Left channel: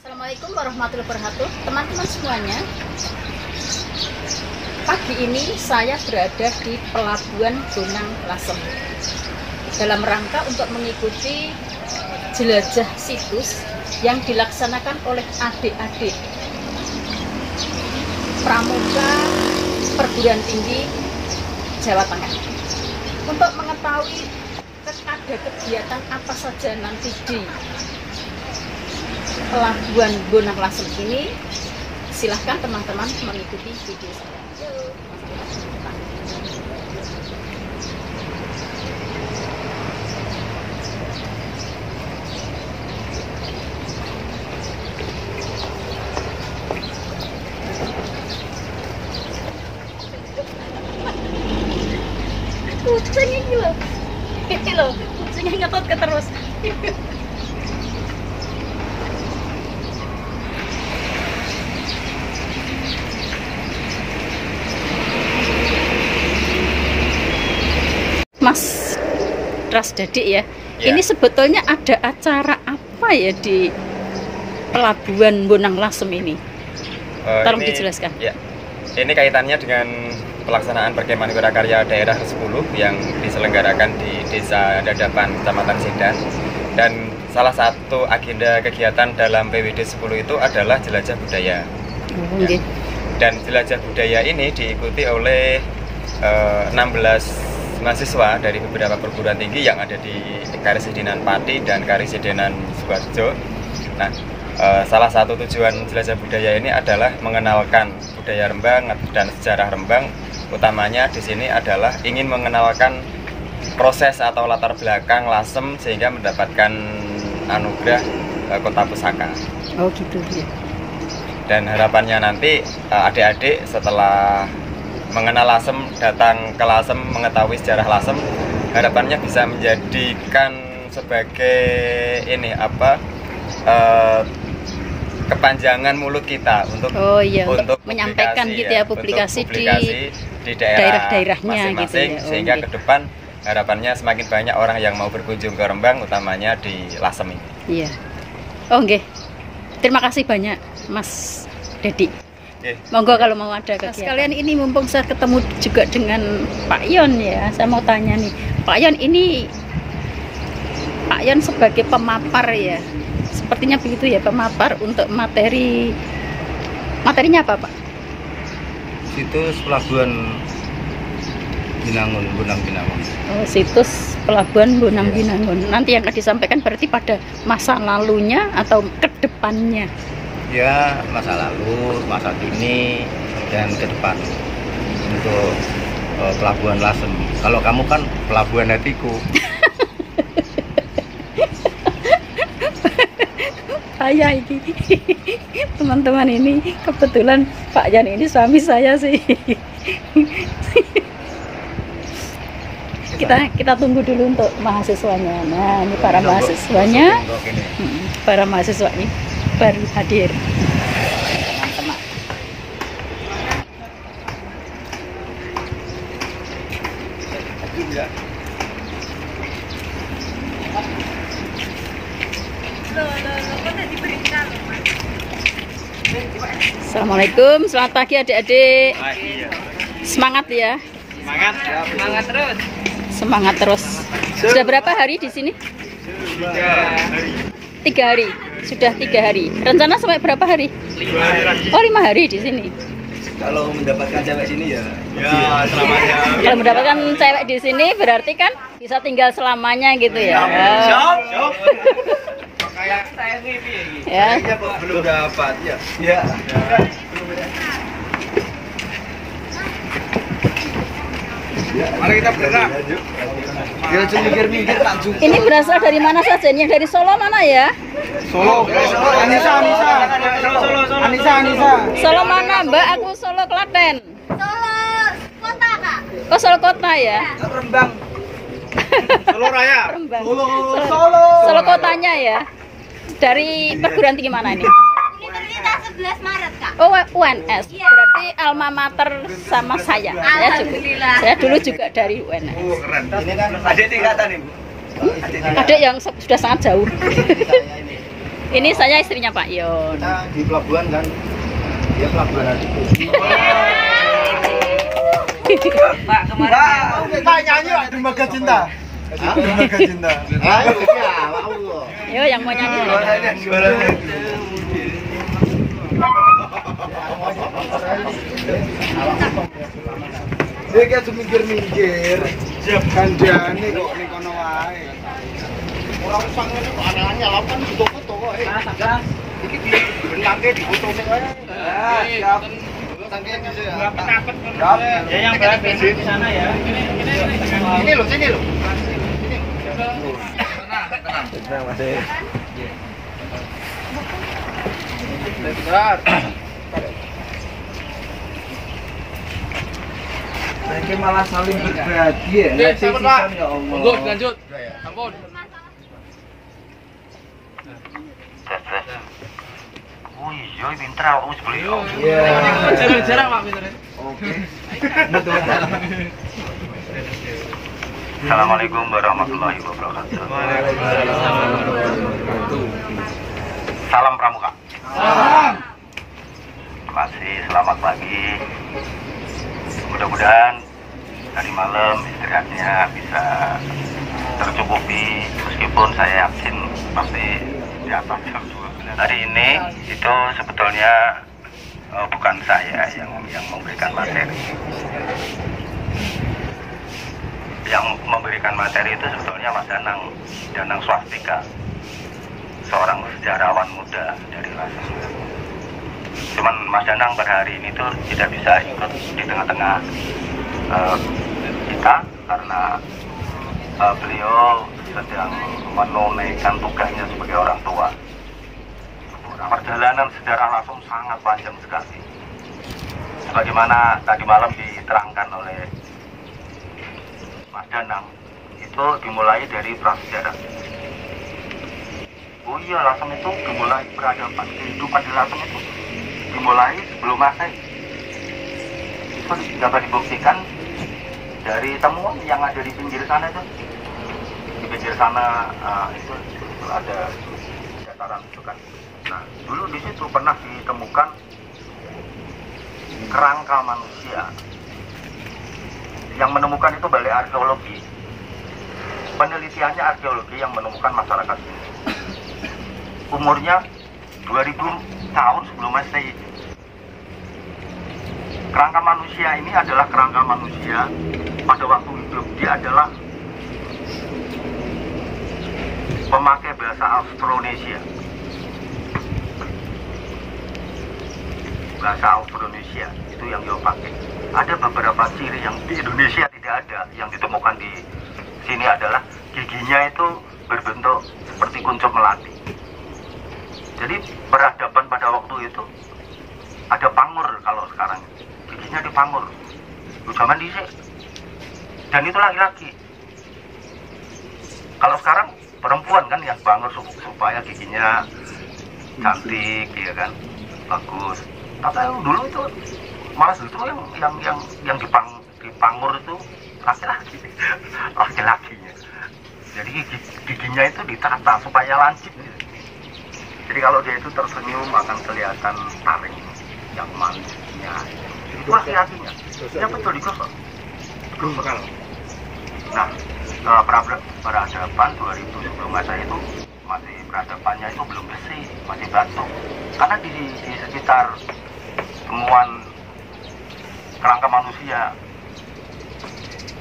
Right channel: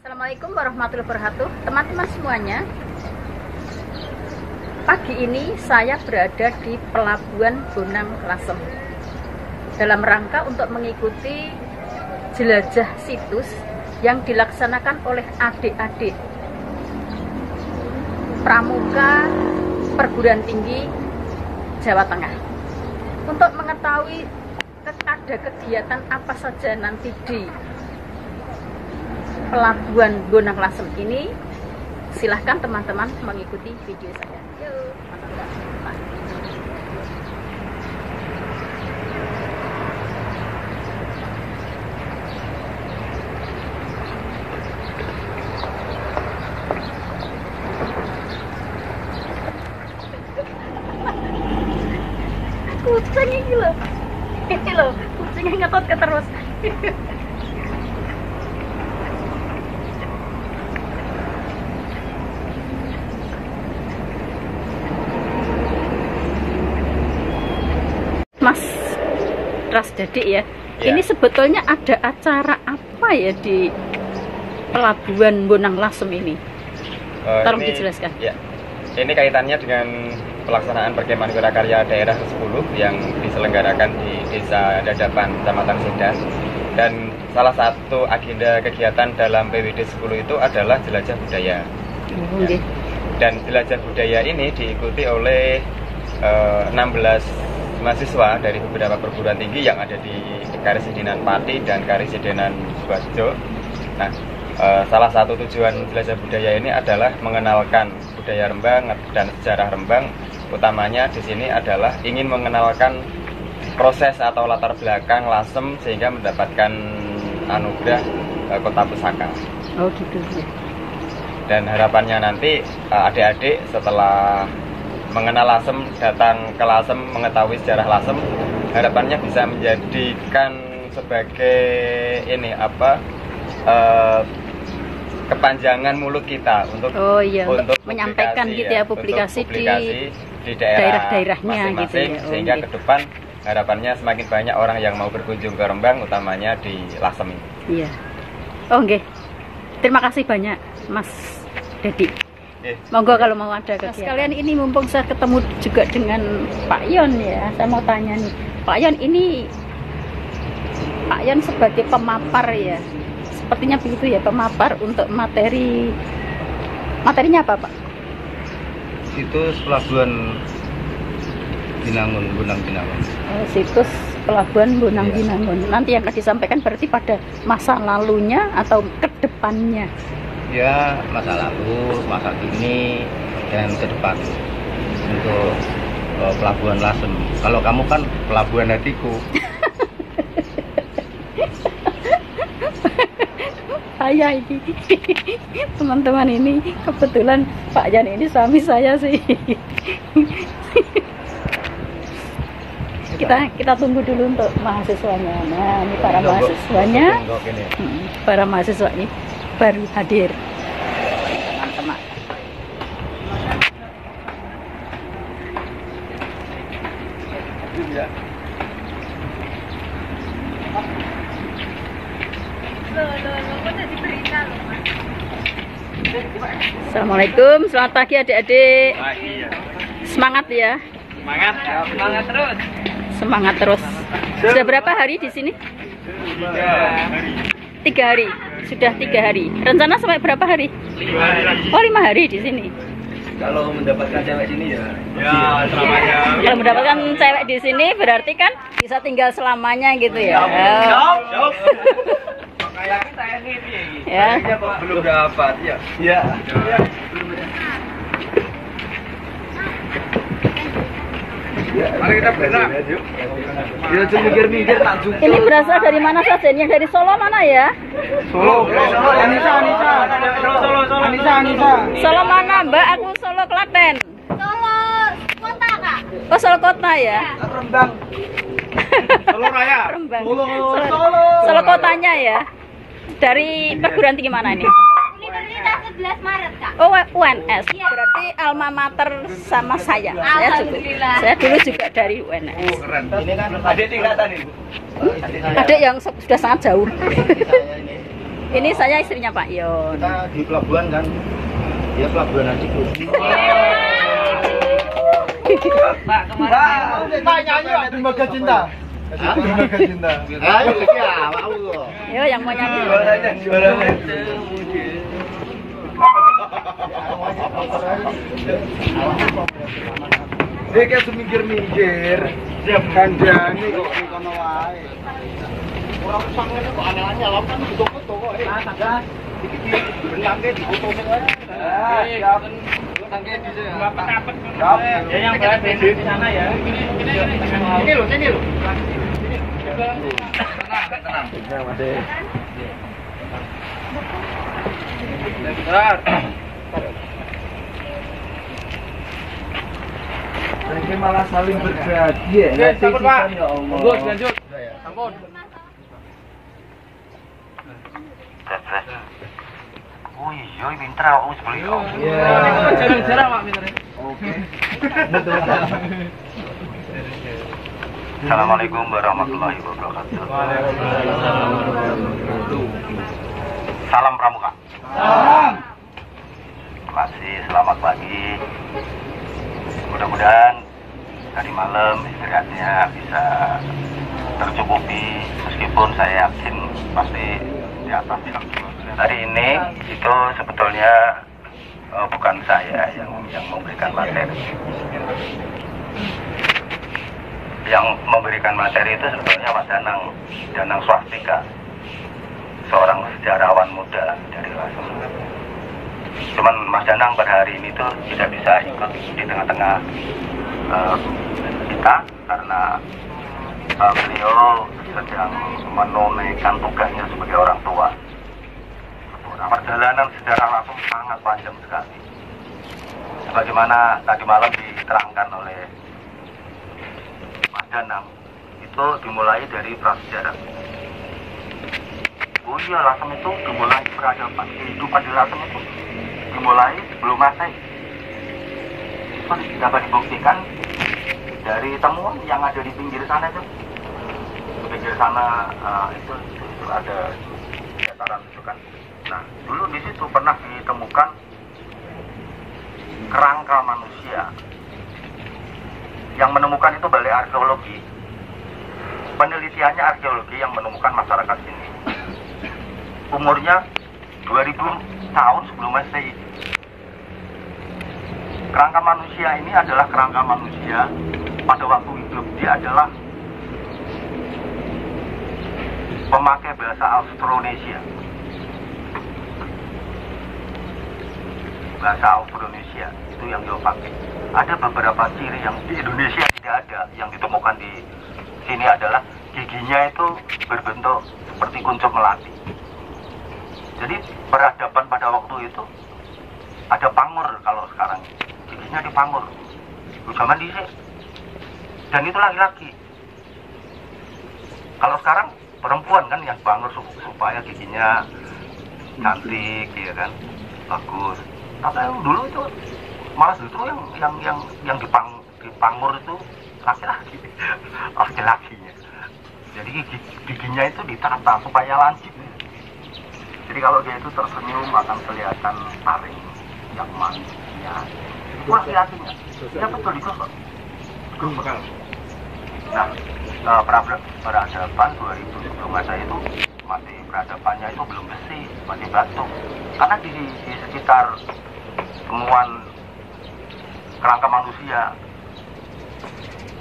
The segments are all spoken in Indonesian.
Assalamualaikum warahmatullahi wabarakatuh. Teman-teman semuanya, pagi ini saya berada di Pelabuhan Bonang Lasem dalam rangka untuk mengikuti jelajah situs yang dilaksanakan oleh adik-adik pramuka perguruan tinggi Jawa Tengah untuk mengetahui ada kegiatan apa saja nanti di Pelabuhan Bonang Lasem ini. Silahkan teman-teman mengikuti video saya. Yuk. Kucing ini loh, kucingnya ngetot ke terus. Mas Rasdadi ya, ini sebetulnya ada acara apa ya di Pelabuhan Bonang Lasem ini? Tolong dijelaskan. Ya, ini kaitannya dengan pelaksanaan perkemahan wirakarya daerah 10 yang diselenggarakan di Desa Dadapan, Kecamatan Sedan. Dan salah satu agenda kegiatan dalam PWD 10 itu adalah jelajah budaya. Ya. Dan jelajah budaya ini diikuti oleh 16 mahasiswa dari beberapa perguruan tinggi yang ada di Karesidenan Pati dan Karesidenan Sukoharjo. Nah, salah satu tujuan jelajah budaya ini adalah mengenalkan budaya Rembang dan sejarah Rembang. Utamanya di sini adalah ingin mengenalkan proses atau latar belakang Lasem sehingga mendapatkan anugerah kota pusaka. Oh gitu. Dan harapannya nanti adik-adik setelah mengenal Lasem, datang ke Lasem, mengetahui sejarah Lasem, harapannya bisa menjadikan sebagai kepanjangan mulut kita untuk untuk menyampaikan gitu ya, publikasi di daerah-daerahnya gitu masing-masing ya. Sehingga ke depan harapannya semakin banyak orang yang mau berkunjung ke Rembang, utamanya di Lasem ini. Iya. Oh nggih. Terima kasih banyak Mas Dedi. Monggo kalau mau ada kegiatan. Sekalian ini mumpung saya ketemu juga dengan Pak Yon ya, saya mau tanya nih, Pak Yon ini Pak Yon sebagai pemapar ya, sepertinya begitu ya, pemapar untuk materinya apa Pak? Situs Pelabuhan Bonang Binangun. Oh, situs Pelabuhan Bonang Binangun. Nanti yang akan disampaikan berarti pada masa lalunya atau ke depannya? Ya, masa lalu, masa kini, dan ke depan untuk Pelabuhan Lasem. Kalau kamu kan pelabuhan hatiku. Saya ini teman-teman ini kebetulan Pak Jan ini suami saya sih. kita tunggu dulu untuk mahasiswanya. Nah, ini para mahasiswanya. Para mahasiswa ini baru hadir, teman-teman. Assalamualaikum, selamat pagi adik-adik. Semangat ya. Semangat terus. Semangat terus. Sudah berapa hari di sini? 3 hari. 3 hari. Sudah 3 hari. Rencana sampai berapa hari? 5 hari lagi. Oh, 5 hari di sini. Kalau mendapatkan cewek sini ya. Selamanya. Kalau mendapatkan cewek di sini berarti kan bisa tinggal selamanya gitu ya. Kayak saya nih Ya. Kok belum dapat ya? Ya. Mari kita bergerak. Ya cuma mikir-mikir tak cukup. Ini berasal dari mana saja? Yang dari Solo mana ya? Solo. Anissa. Solo mana Mbak? Aku Solo Klaten. Solo kota Kak. Oh, Solo kota ya? Rembang. Solo Raya. Rembang. Solo. Solo kotanya ya? Dari perguruan tinggi mana ini? Universitas 11 Maret Kak. Oh, UNS. Berarti alma mater sama saya. Alhamdulillah. Saya dulu juga dari UNS. Keren. Ini kan adik tingkatan Ibu. Adik yang sudah sangat jauh. Ini saya istrinya Pak Yon. Kita di pelabuhan kan. Dia pelabuhan nanti. Pak, kemarin Pak nyanyi Pak Dermaga Cinta. Dermaga Cinta. Ayo ya, mau. Yo yang mau nyanyi. Suaranya. Dia kayak semingkir-minggir. Siap kandhani kok ning kono wae. Ora usah ngene kok aneh-aneh lho kan foto-foto kok. Iki dibenangke difoto sing wae. Siap. Rapet-rapet. Siap. ya yang berat bensin di sana ya. Ini loh, sini loh. Ini malah saling berbagi ya. Sampun, Pak. Ya Allah. Monggo lanjut. Ampun. Oh iya, pinter awakmu sebeli. Iya. Jarang-jarang Pak pinter. Oke. Betul. Assalamualaikum warahmatullahi wabarakatuh. Salam Pramuka. Salam. Terima kasih, selamat pagi. Mudah-mudahan tadi malam istirahatnya bisa tercukupi, meskipun saya yakin pasti di atas jam 12. Hari ini itu sebetulnya bukan saya yang memberikan materi. Yang memberikan materi itu sebetulnya Mas Danang Swastika, seorang sejarawan muda dari Lasem. Cuman Mas Danang pada hari ini tuh tidak bisa ikut di tengah-tengah kita karena beliau sedang menunaikan tugasnya sebagai orang tua. Perjalanan sejarah Lasem sangat panjang sekali. Sebagaimana tadi malam diterangkan oleh Mas Danang, itu dimulai dari prasejarah. Oh iya, Lasem itu dimulai peradaban, kehidupan di Lasem itu dimulai sebelum Masehi. Itu dapat dibuktikan dari temuan yang ada di pinggir sana itu. Di pinggir sana itu ada dataran itu kan. Nah, dulu di situ pernah ditemukan kerangka manusia. Yang menemukan itu balai arkeologi. Penelitiannya arkeologi yang menemukan masyarakat ini. Umurnya 2000 tahun sebelum Masehi. Kerangka manusia ini adalah kerangka manusia pada waktu hidup. Dia adalah pemakai bahasa Austronesia. Bahasa Austronesia itu yang dia pakai. Ada beberapa ciri yang di Indonesia tidak ada, yang ditemukan di sini adalah giginya itu berbentuk seperti kuncup melati. Jadi peradaban pada waktu itu ada pangur, kalau sekarang giginya dipangur. Zaman dhisik. Dan itu laki-laki. Kalau sekarang perempuan kan yang pangur supaya giginya cantik, ya kan, bagus. Tapi dulu itu malah justru yang dipangur itu laki-laki, laki-lakinya. Jadi giginya itu ditata supaya lancip. Jadi kalau dia itu tersenyum akan kelihatan taring yang manisnya. Itu laki-lakinya. Ya betul digosok. Bekal. Nah, peradaban 2000 sebelum Masehi itu masih peradabannya itu belum besi, masih batu. Karena di sekitar temuan kerangka manusia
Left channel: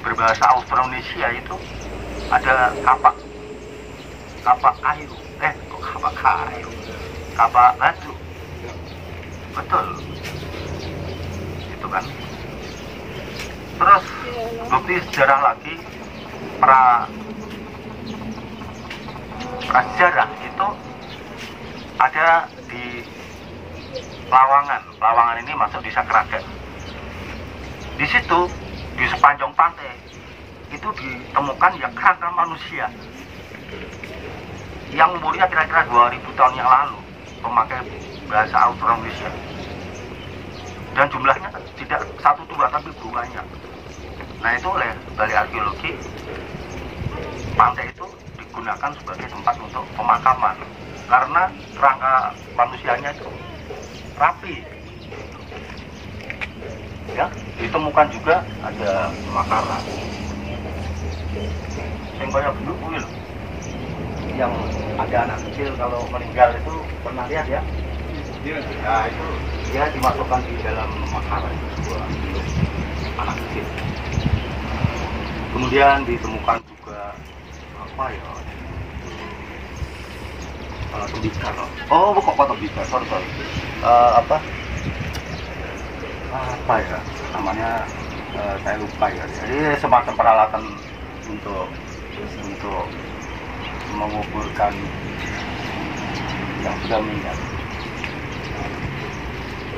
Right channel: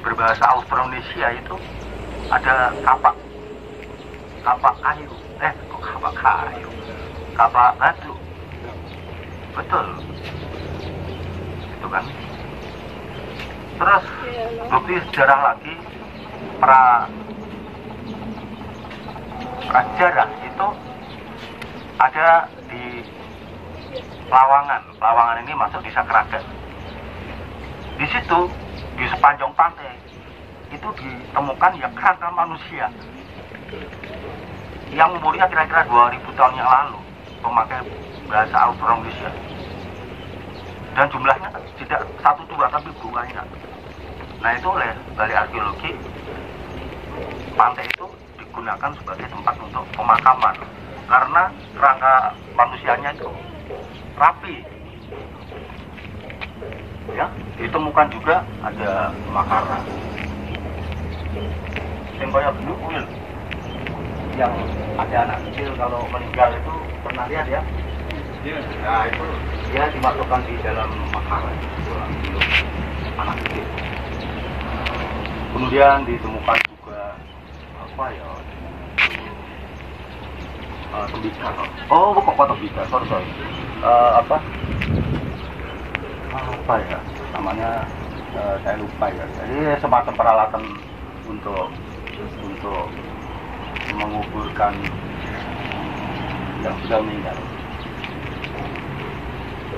berbahasa Austronesia itu ada kapak kayu, kapak batu, betul, itu kan. Terus bukti sejarah lagi, prasejarah itu ada di Lawangan ini masuk di Sakragan. Di situ di sepanjang pantai itu ditemukan ya kerangka manusia yang umurnya kira-kira 2000 tahun yang lalu, pemakai bahasa Austronesia. Dan jumlahnya tidak 1-2 tapi banyak. Nah itu oleh balai arkeologi, pantai itu digunakan sebagai tempat untuk pemakaman. karena kerangka manusianya itu rapi. Ya, ditemukan juga ada makanan yang kayak bentuk kuil, yang ada anak kecil kalau meninggal itu pernah lihat ya? Ya itu dia dimasukkan di dalam makanan itu untuk anak kecil. Kemudian ditemukan juga apa ya? Tembikar. Oh, kok tembikar? Sorry. Apa ya namanya? Saya lupa ya. Jadi semacam peralatan untuk menguburkan yang sudah meninggal.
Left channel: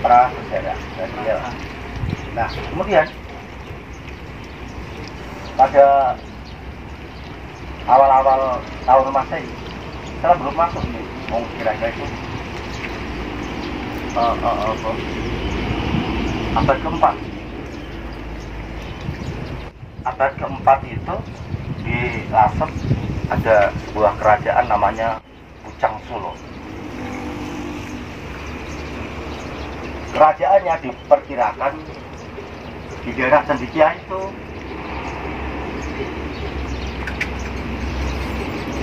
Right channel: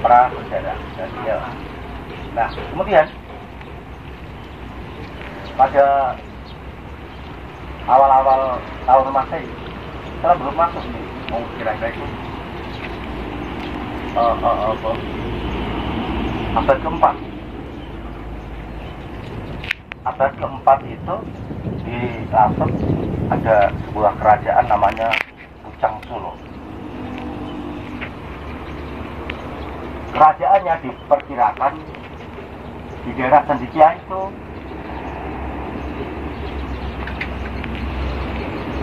Prasejarah. Ya. Nah, kemudian pada awal-awal tahun Masehi, setelah belum masuk nih, mau kira-kira itu abad keempat. Abad keempat itu di Lasem ada sebuah kerajaan namanya Pucang Solo. Kerajaannya diperkirakan di daerah Cendikia itu,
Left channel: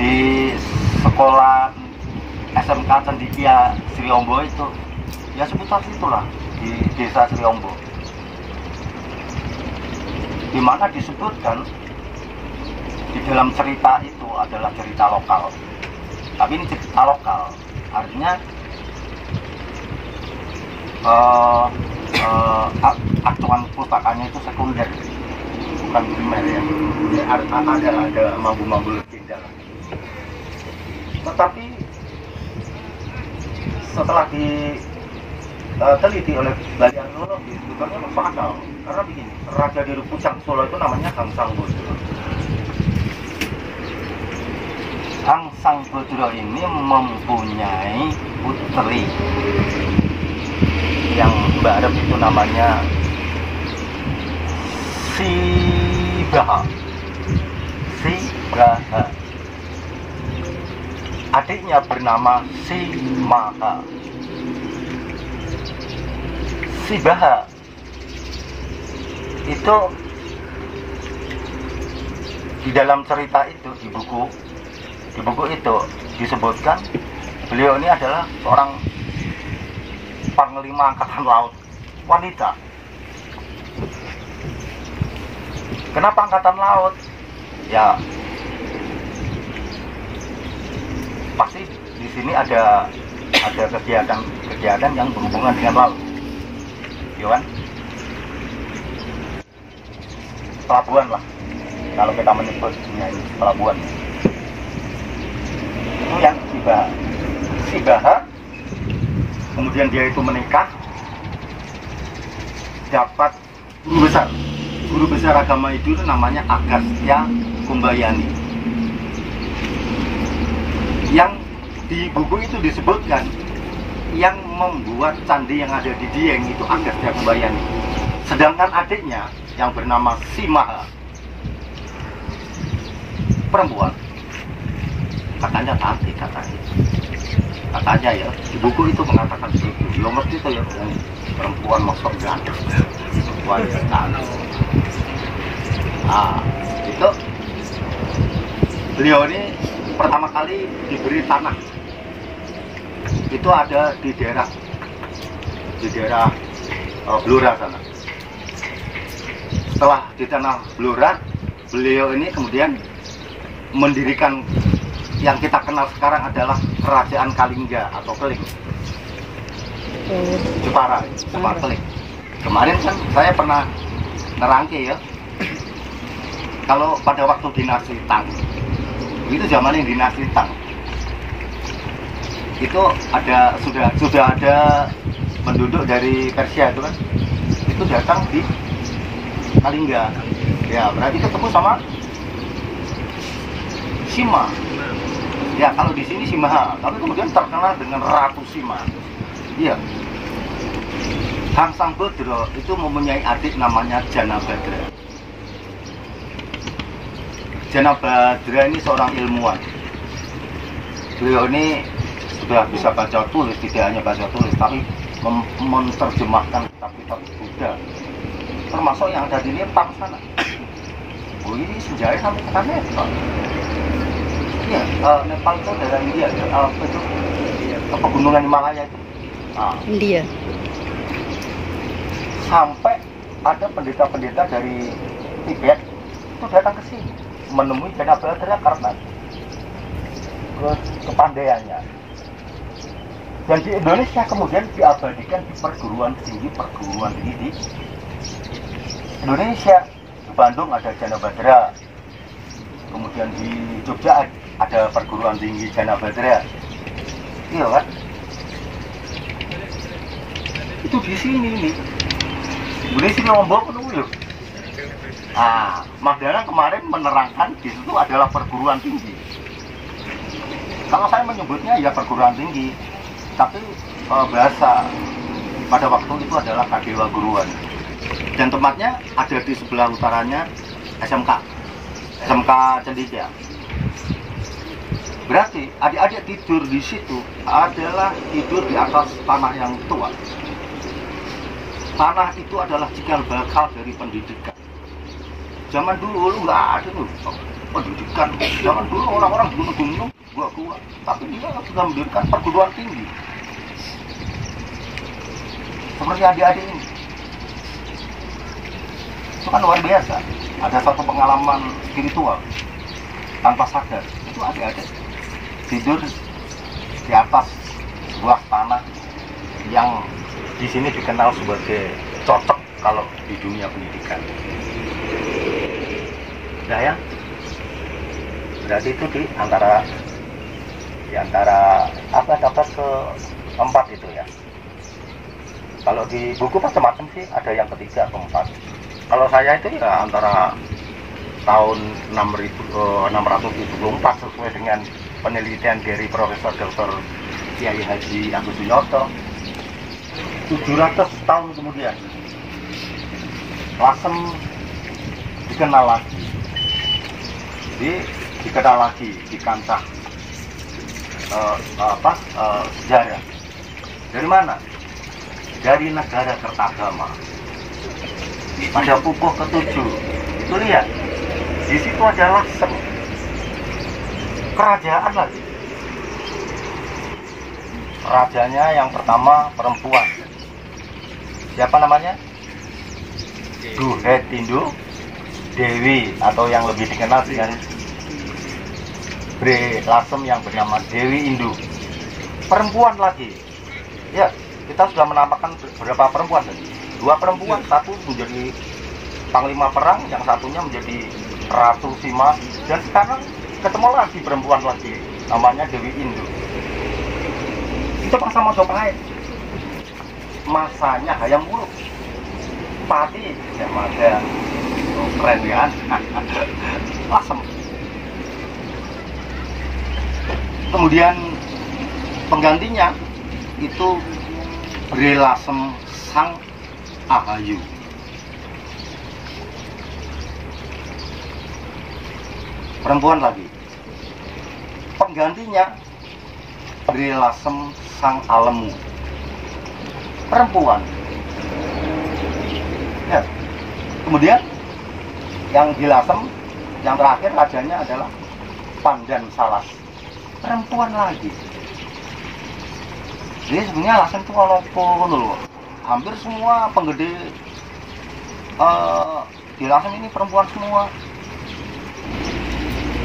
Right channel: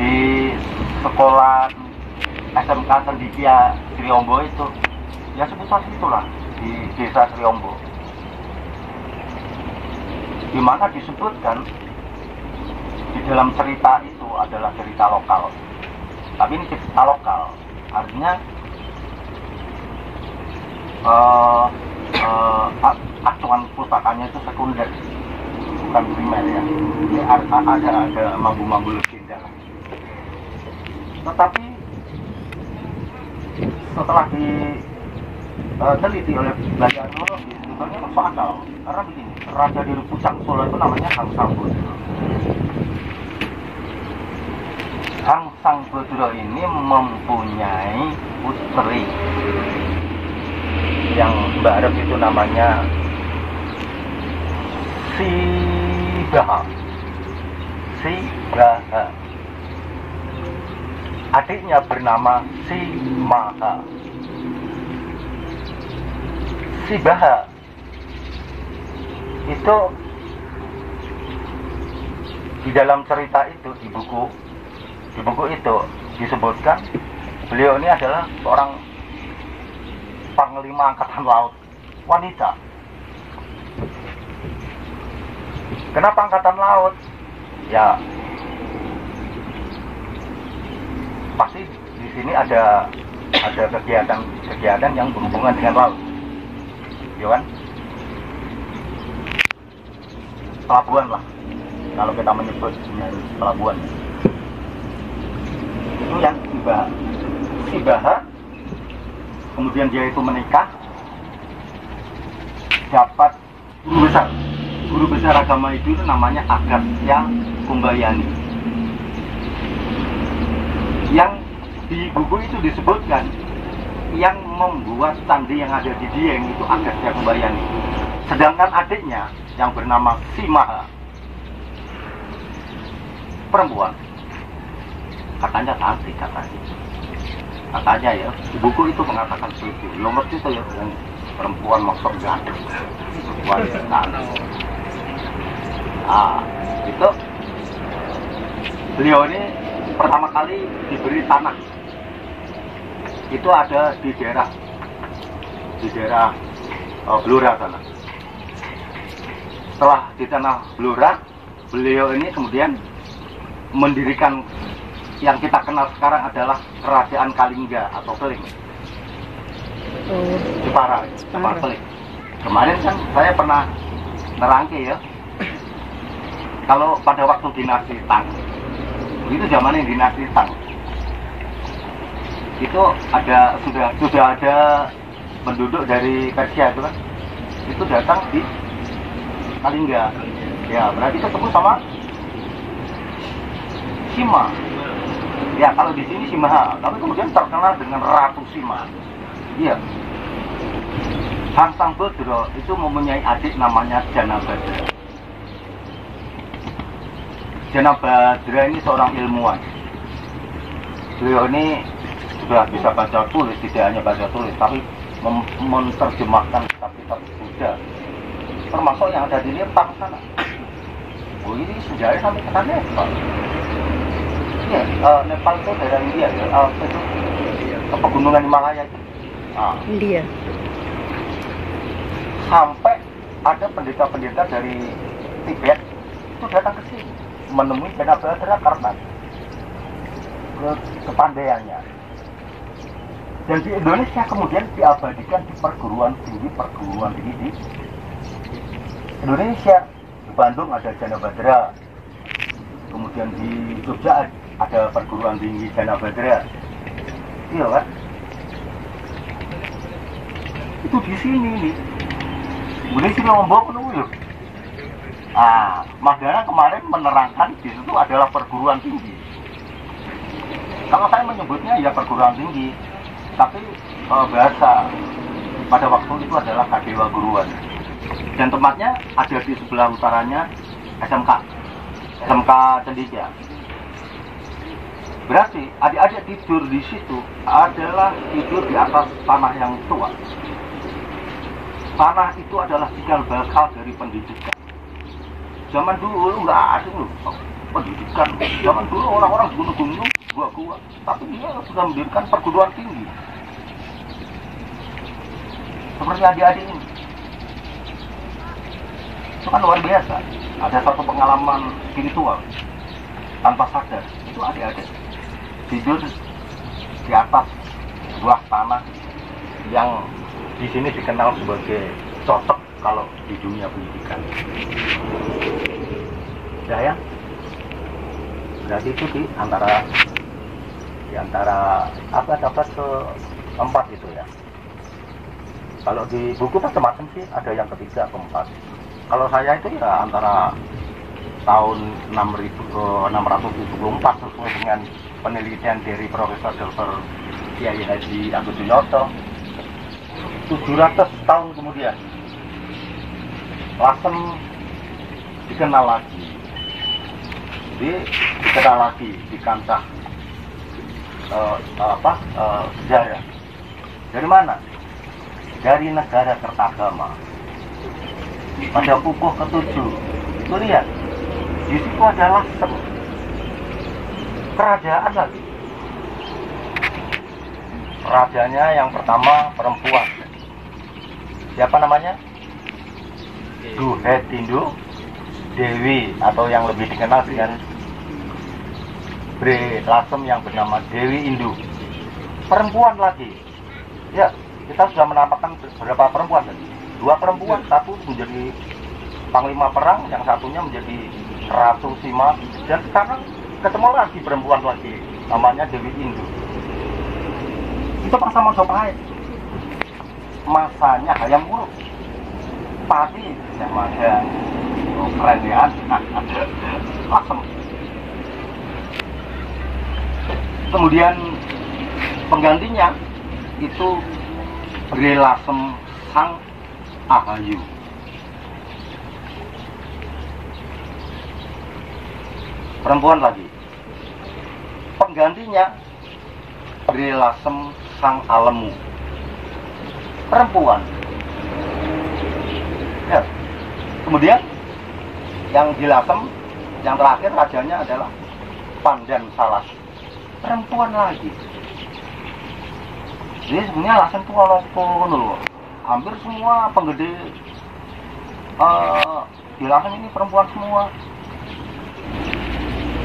di sekolah SMK Cendikia Sriombo itu, ya seputar situlah, di desa Sriombo, di mana disebutkan di dalam cerita itu adalah cerita lokal. Tapi ini cerita lokal, artinya acuan pustakanya itu sekunder, bukan primer ya. Jadi ada mambu-mambu legenda. Tetapi setelah diteliti oleh belajar arkeologi itu kan masuk akal. Karena begini, raja dari Pucang Solo itu namanya Hang Sangbodro. Hang Sangbodro ini mempunyai putri yang bareng itu namanya Sibaha. Adiknya bernama Simaha. Sibaha itu di dalam cerita itu, di buku itu disebutkan beliau ini adalah seorang panglima angkatan laut wanita. Kenapa angkatan laut? Ya pasti di sini ada kegiatan yang berhubungan dengan laut, ya kan? Pelabuhan lah, kalau kita menyebutnya pelabuhan. Itu yang Sibaha. Kemudian dia itu menikah, dapat guru besar agama itu namanya Agastya Kumbayani. Yang di buku itu disebutkan yang membuat candi yang ada di Dieng itu Agastya Kumbayani. Sedangkan adiknya yang bernama Simaha, perempuan, katanya cantik, katanya ya, di buku itu mengatakan begitu. Lo ngerti itu ya, yang perempuan maksud ganteng, wanita cantik. Nah, itu beliau ini pertama kali diberi tanah. Itu ada di daerah Blora sana. Setelah di tanah Blora, beliau ini kemudian mendirikan yang kita kenal sekarang adalah Kerajaan Kalingga atau Keling. Jepara Keling. Kemarin kan saya pernah nerangke ya, kalau pada waktu dinasti Tang, itu zamannya dinasti Tang, itu sudah ada penduduk dari Persia itu kan, itu datang di Kalingga. Ya berarti ketemu sama Sima. Ya kalau di sini Simaha, tapi kemudian terkenal dengan Ratu Sima. Iya. Hang Sangbodro itu mempunyai adik namanya Janabadra. Janabadra ini seorang ilmuwan. Beliau ini sudah bisa baca tulis, tidak hanya baca tulis, tapi menerjemahkan kitab-kitab Buddha, termasuk yang ada di Nepal sana. Oh, ini sejarah sampai ke Nepal. Iya, Nepal itu daerah India ya, itu pegunungan Himalaya itu. Nah, India. Sampai ada pendeta-pendeta dari Tibet itu datang ke sini menemui Janabhadra karena kepandaiannya. Dan di Indonesia kemudian diabadikan di perguruan tinggi di Indonesia. Di Bandung ada Janabhadra, kemudian di Jogja ada perguruan tinggi Janabhadra. Iya kan? Itu di sini nih. Boleh sini Lombok dulu. Madana kemarin menerangkan di situ adalah perguruan tinggi. Kalau saya menyebutnya ya perguruan tinggi, tapi bahasa pada waktu itu adalah Kadewa Guruan. Dan tempatnya ada di sebelah utaranya SMK Cendikia. Berarti adik-adik tidur di situ adalah tidur di atas tanah yang tua. Tanah itu adalah cikal bakal dari pendidikan. Zaman dulu nggak ada loh pendidikan. Zaman dulu orang-orang gunung-gunung, gua-gua, tapi dia sudah mendirikan perguruan tinggi. Seperti adik-adik ini. Itu kan luar biasa. Ada satu pengalaman spiritual tanpa sadar. Itu adik-adik tidur di atas sebuah tanah yang di sini dikenal sebagai cocok kalau di dunia pendidikan. Nah ya, berarti itu di antara abad ke-4 itu ya. Kalau di buku macam-macam sih, ada yang ketiga, keempat. Kalau saya itu ya antara tahun 674 sesuai dengan penelitian dari Profesor Dr. Kiai Haji Agus Winoto. 700 tahun kemudian Lasem dikenal lagi, dikenal lagi di kancah sejarah. Dari mana? Dari negara Kertagama. Pada pupuh ke-7 itu lihat, di situ ada Lasem, kerajaan lagi. Rajanya yang pertama perempuan. Siapa namanya? Duhetindo Dewi, atau yang lebih dikenal dengan Bre Lasem yang bernama Dewi Indu. Perempuan lagi. Ya, kita sudah menampakkan berapa perempuan tadi? 2 perempuan, satu menjadi panglima perang, yang satunya menjadi Ratu Sima, dan sekarang ketemu lagi perempuan lagi, namanya Dewi Indu. Itu masa Majapahit. Masanya Hayam Wuruk. Pati yang ada keren ya. Lasem. Kemudian penggantinya itu Bre Lasem Sang Ahayu. Perempuan lagi. Penggantinya Bre Lasem Sang Alemu. Perempuan. Ya. Kemudian yang di Lasem, yang terakhir rajanya adalah Pandan Salas. Perempuan lagi. Jadi sebenarnya Lasem itu kalau hampir semua penggede di Lasem ini perempuan semua.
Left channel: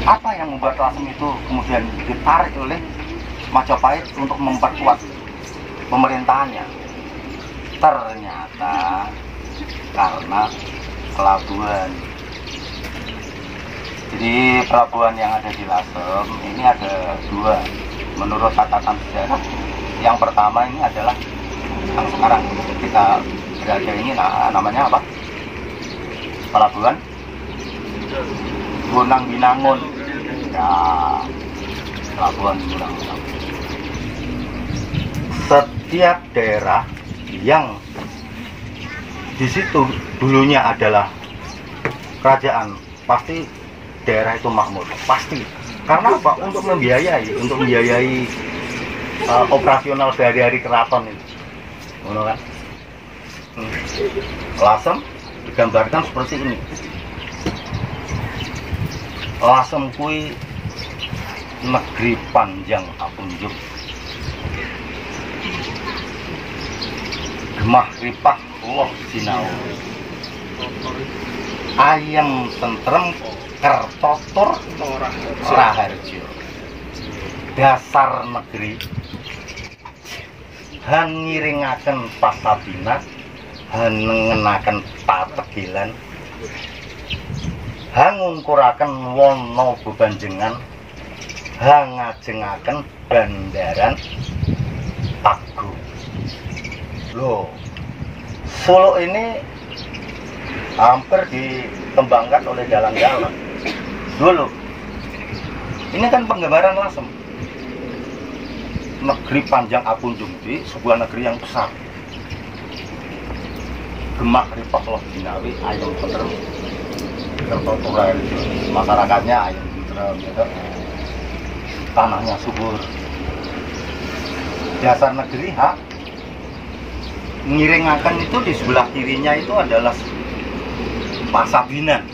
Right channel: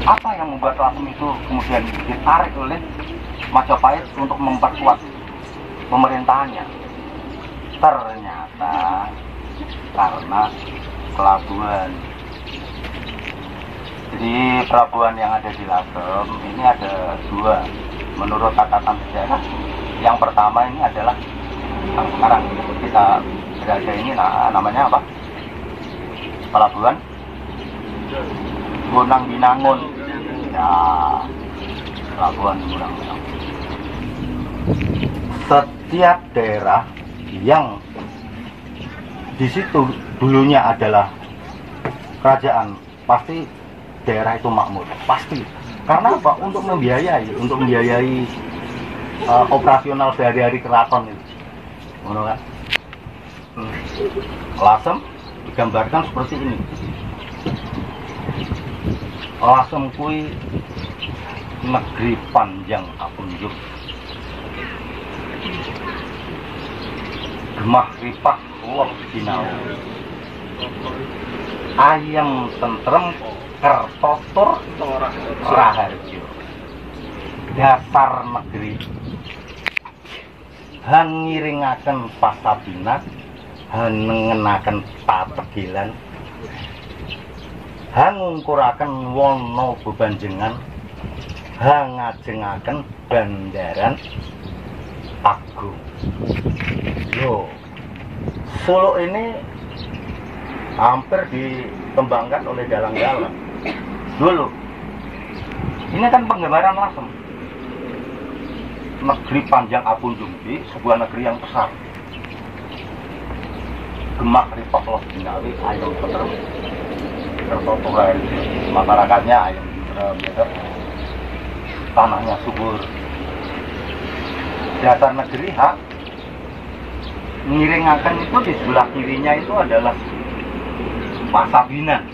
Apa yang membuat Lasem itu kemudian ditarik oleh Majapahit untuk memperkuat pemerintahannya? Ternyata karena pelabuhan. Jadi pelabuhan yang ada di Lasem ini ada 2 menurut catatan sejarah. Yang pertama ini adalah yang sekarang kita berada ini namanya apa? Pelabuhan Gunang Binangun. Ya, pelabuhan Gunang Binangun. Setiap daerah yang di situ dulunya adalah kerajaan, pasti daerah itu makmur, pasti. Karena apa? Untuk membiayai operasional sehari-hari keraton itu. Ngono kan? Lasem digambarkan seperti ini. Lasem kui negeri panjang apunjuk. Gemah ripah loh sinau. Ayam tentrem kertotur Raharjo. Dasar negeri han ngiringaken pasabina, han nengenaken pategilan, han ngungkuraken wana bebanjengan, han ngajengaken bandaran Pago. Loh, Solo ini hampir dikembangkan oleh dalang-dalang dulu. Ini kan penggambaran Lasem, negeri panjang Apunjungji, sebuah negeri yang besar. Gemak ripok loh binawi, ayam tentrem, tertoturan masyarakatnya ayam tentrem, tanahnya subur. Dasar negeri hak ngiringakan itu di sebelah kirinya itu adalah Pasabinan.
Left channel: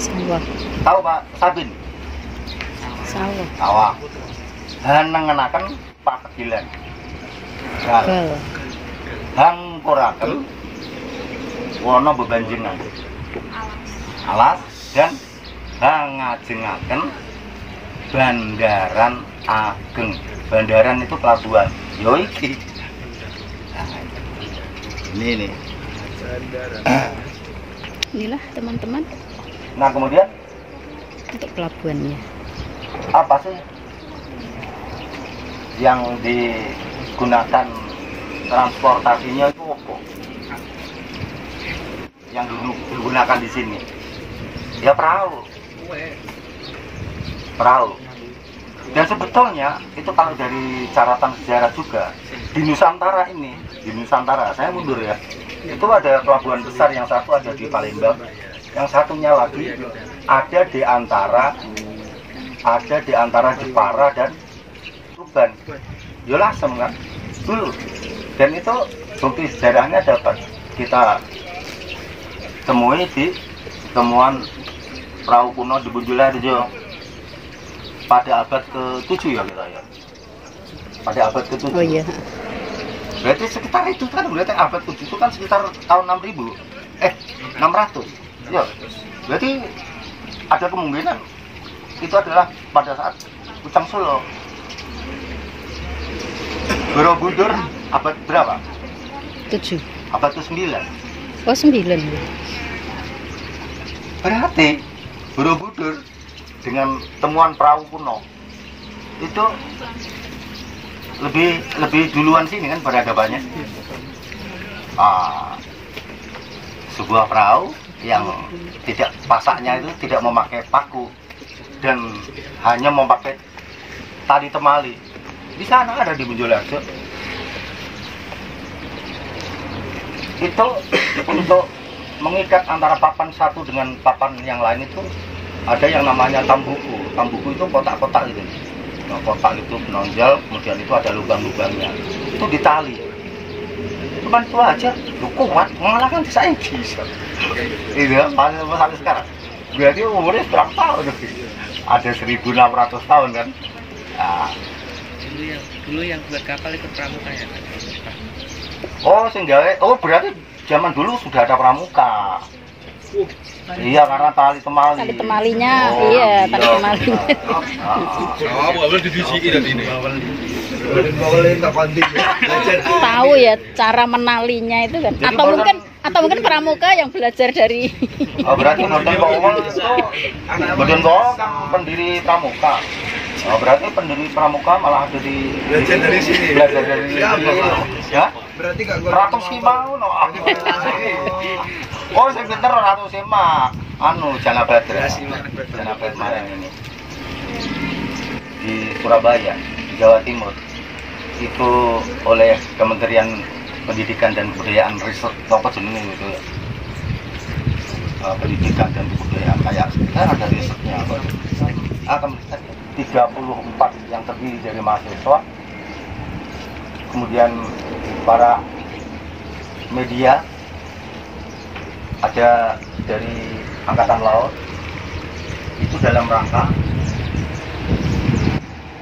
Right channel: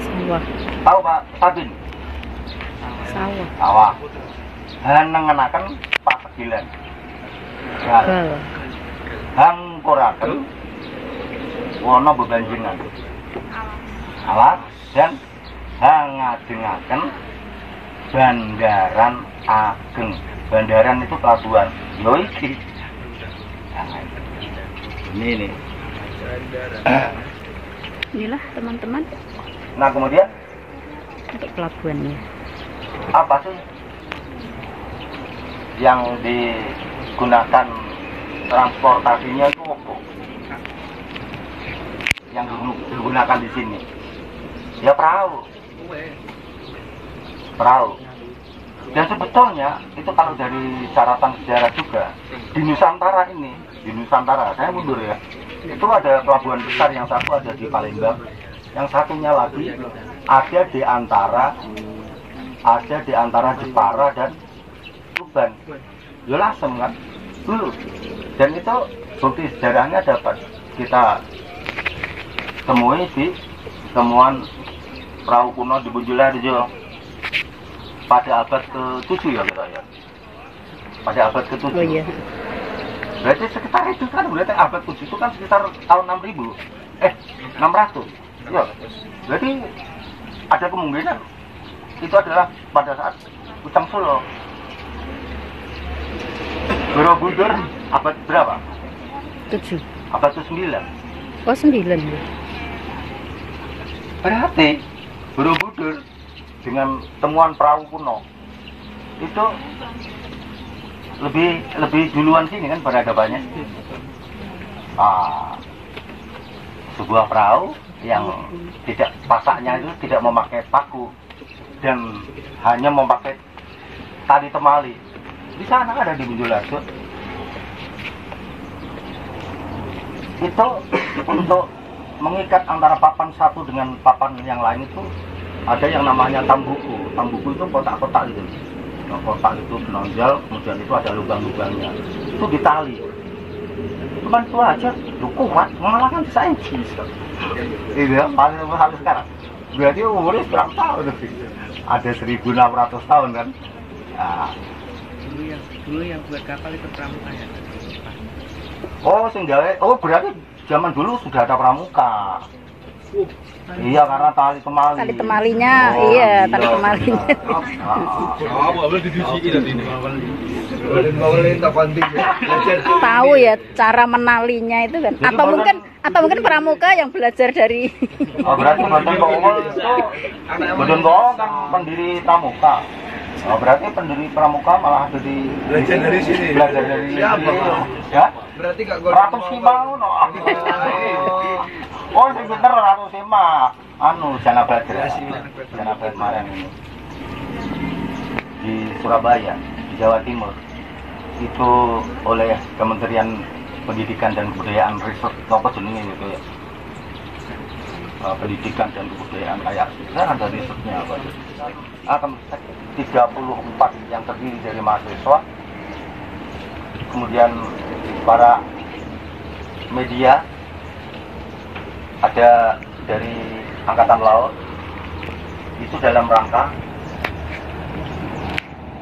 Sawah. Tahu Pak Sabin? Sawah. Sawah. Han nengenaken pategilan. Gal. Han koraken wana bebanjengan. Alas dan han ngajengaken bandaran ageng. Bandaran itu pelabuhan. Yo iki. Nah, ini nih. Inilah teman-teman Nah kemudian untuk pelabuhannya. apa sih yang digunakan transportasinya itu apa? Yang digunakan di sini? Ya perahu. Perahu. Dan sebetulnya itu kalau dari catatan sejarah juga di Nusantara ini, di Nusantara, saya mundur ya, itu ada pelabuhan besar, yang satu ada di Palembang, yang satunya lagi ada di antara Jepara dan Tuban. Ya Lasem kan dulu. Dan itu bukti sejarahnya dapat kita temui di temuan perahu kuno di Bunjularjo pada abad ke-7 ya kita ya. Pada abad ke-7. Oh iya. Berarti sekitar itu kan, berarti abad ke-7 itu kan sekitar tahun 6000. 600. Ya. Berarti ada kemungkinan itu adalah pada saat Pucang Solo. Borobudur abad berapa? 7. Abad ke-9. Oh 9. Berarti Borobudur dengan temuan perahu kuno itu lebih duluan sini kan peradabannya. Sebuah perahu yang tidak pasaknya itu tidak memakai paku dan hanya memakai tali temali. Di sana ada di Bunjularjo. Itu untuk mengikat antara papan satu dengan papan yang lain itu ada yang namanya tambuku. Tambuku itu kotak-kotak gitu. Nah, kotak itu menonjol, kemudian itu ada lubang-lubangnya. Itu ditali. Cuman itu aja, lu kuat, mengalahkan saya bisa. Iya, sampai sekarang. Berarti umurnya berapa tahun? Ada 1600 tahun kan? Nah. Dulu yang buat kapal itu pramuka ya? Oh, sehingga berarti zaman dulu sudah ada pramuka. Iya, karena tali temali. Tali temalinya, iya, tali temalinya. Tahu ya cara menalinya itu kan? Atau mungkin pramuka yang belajar dari. Oh, berarti Boten Kowo itu Boten Kowo kan pendiri pramuka. Oh, berarti pendiri pramuka malah ada di Belajar dari sini. Belajar dari Siapa, Pak? Ya? Berarti Kak Ratu Sima no. Oh, sing pinter Ratu Sima. Janabadra. Janabadra kemarin ini. Di Surabaya, Jawa Timur. Itu oleh Kementerian Pendidikan dan Kebudayaan Riset apa jenenge itu ya. Pendidikan dan Kebudayaan kayak kita ada risetnya apa. 34 yang terdiri dari mahasiswa kemudian para media, ada dari Angkatan Laut, itu dalam rangka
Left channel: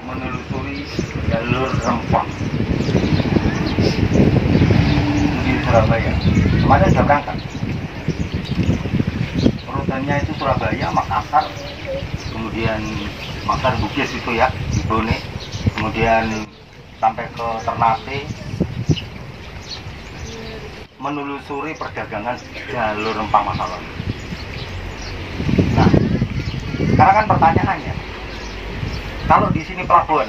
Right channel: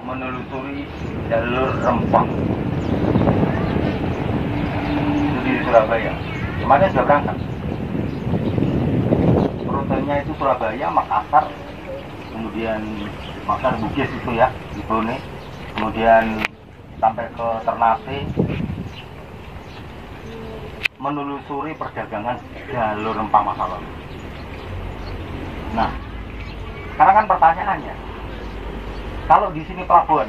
menelusuri jalur rempah di Surabaya. Kemarin sudah berangkat. Rutenya itu Surabaya, Makassar, kemudian Makassar Bugis itu ya, di Bone, kemudian sampai ke Ternate, menelusuri perdagangan jalur rempah masa lalu. Nah, sekarang kan pertanyaannya, kalau di sini pelabuhan,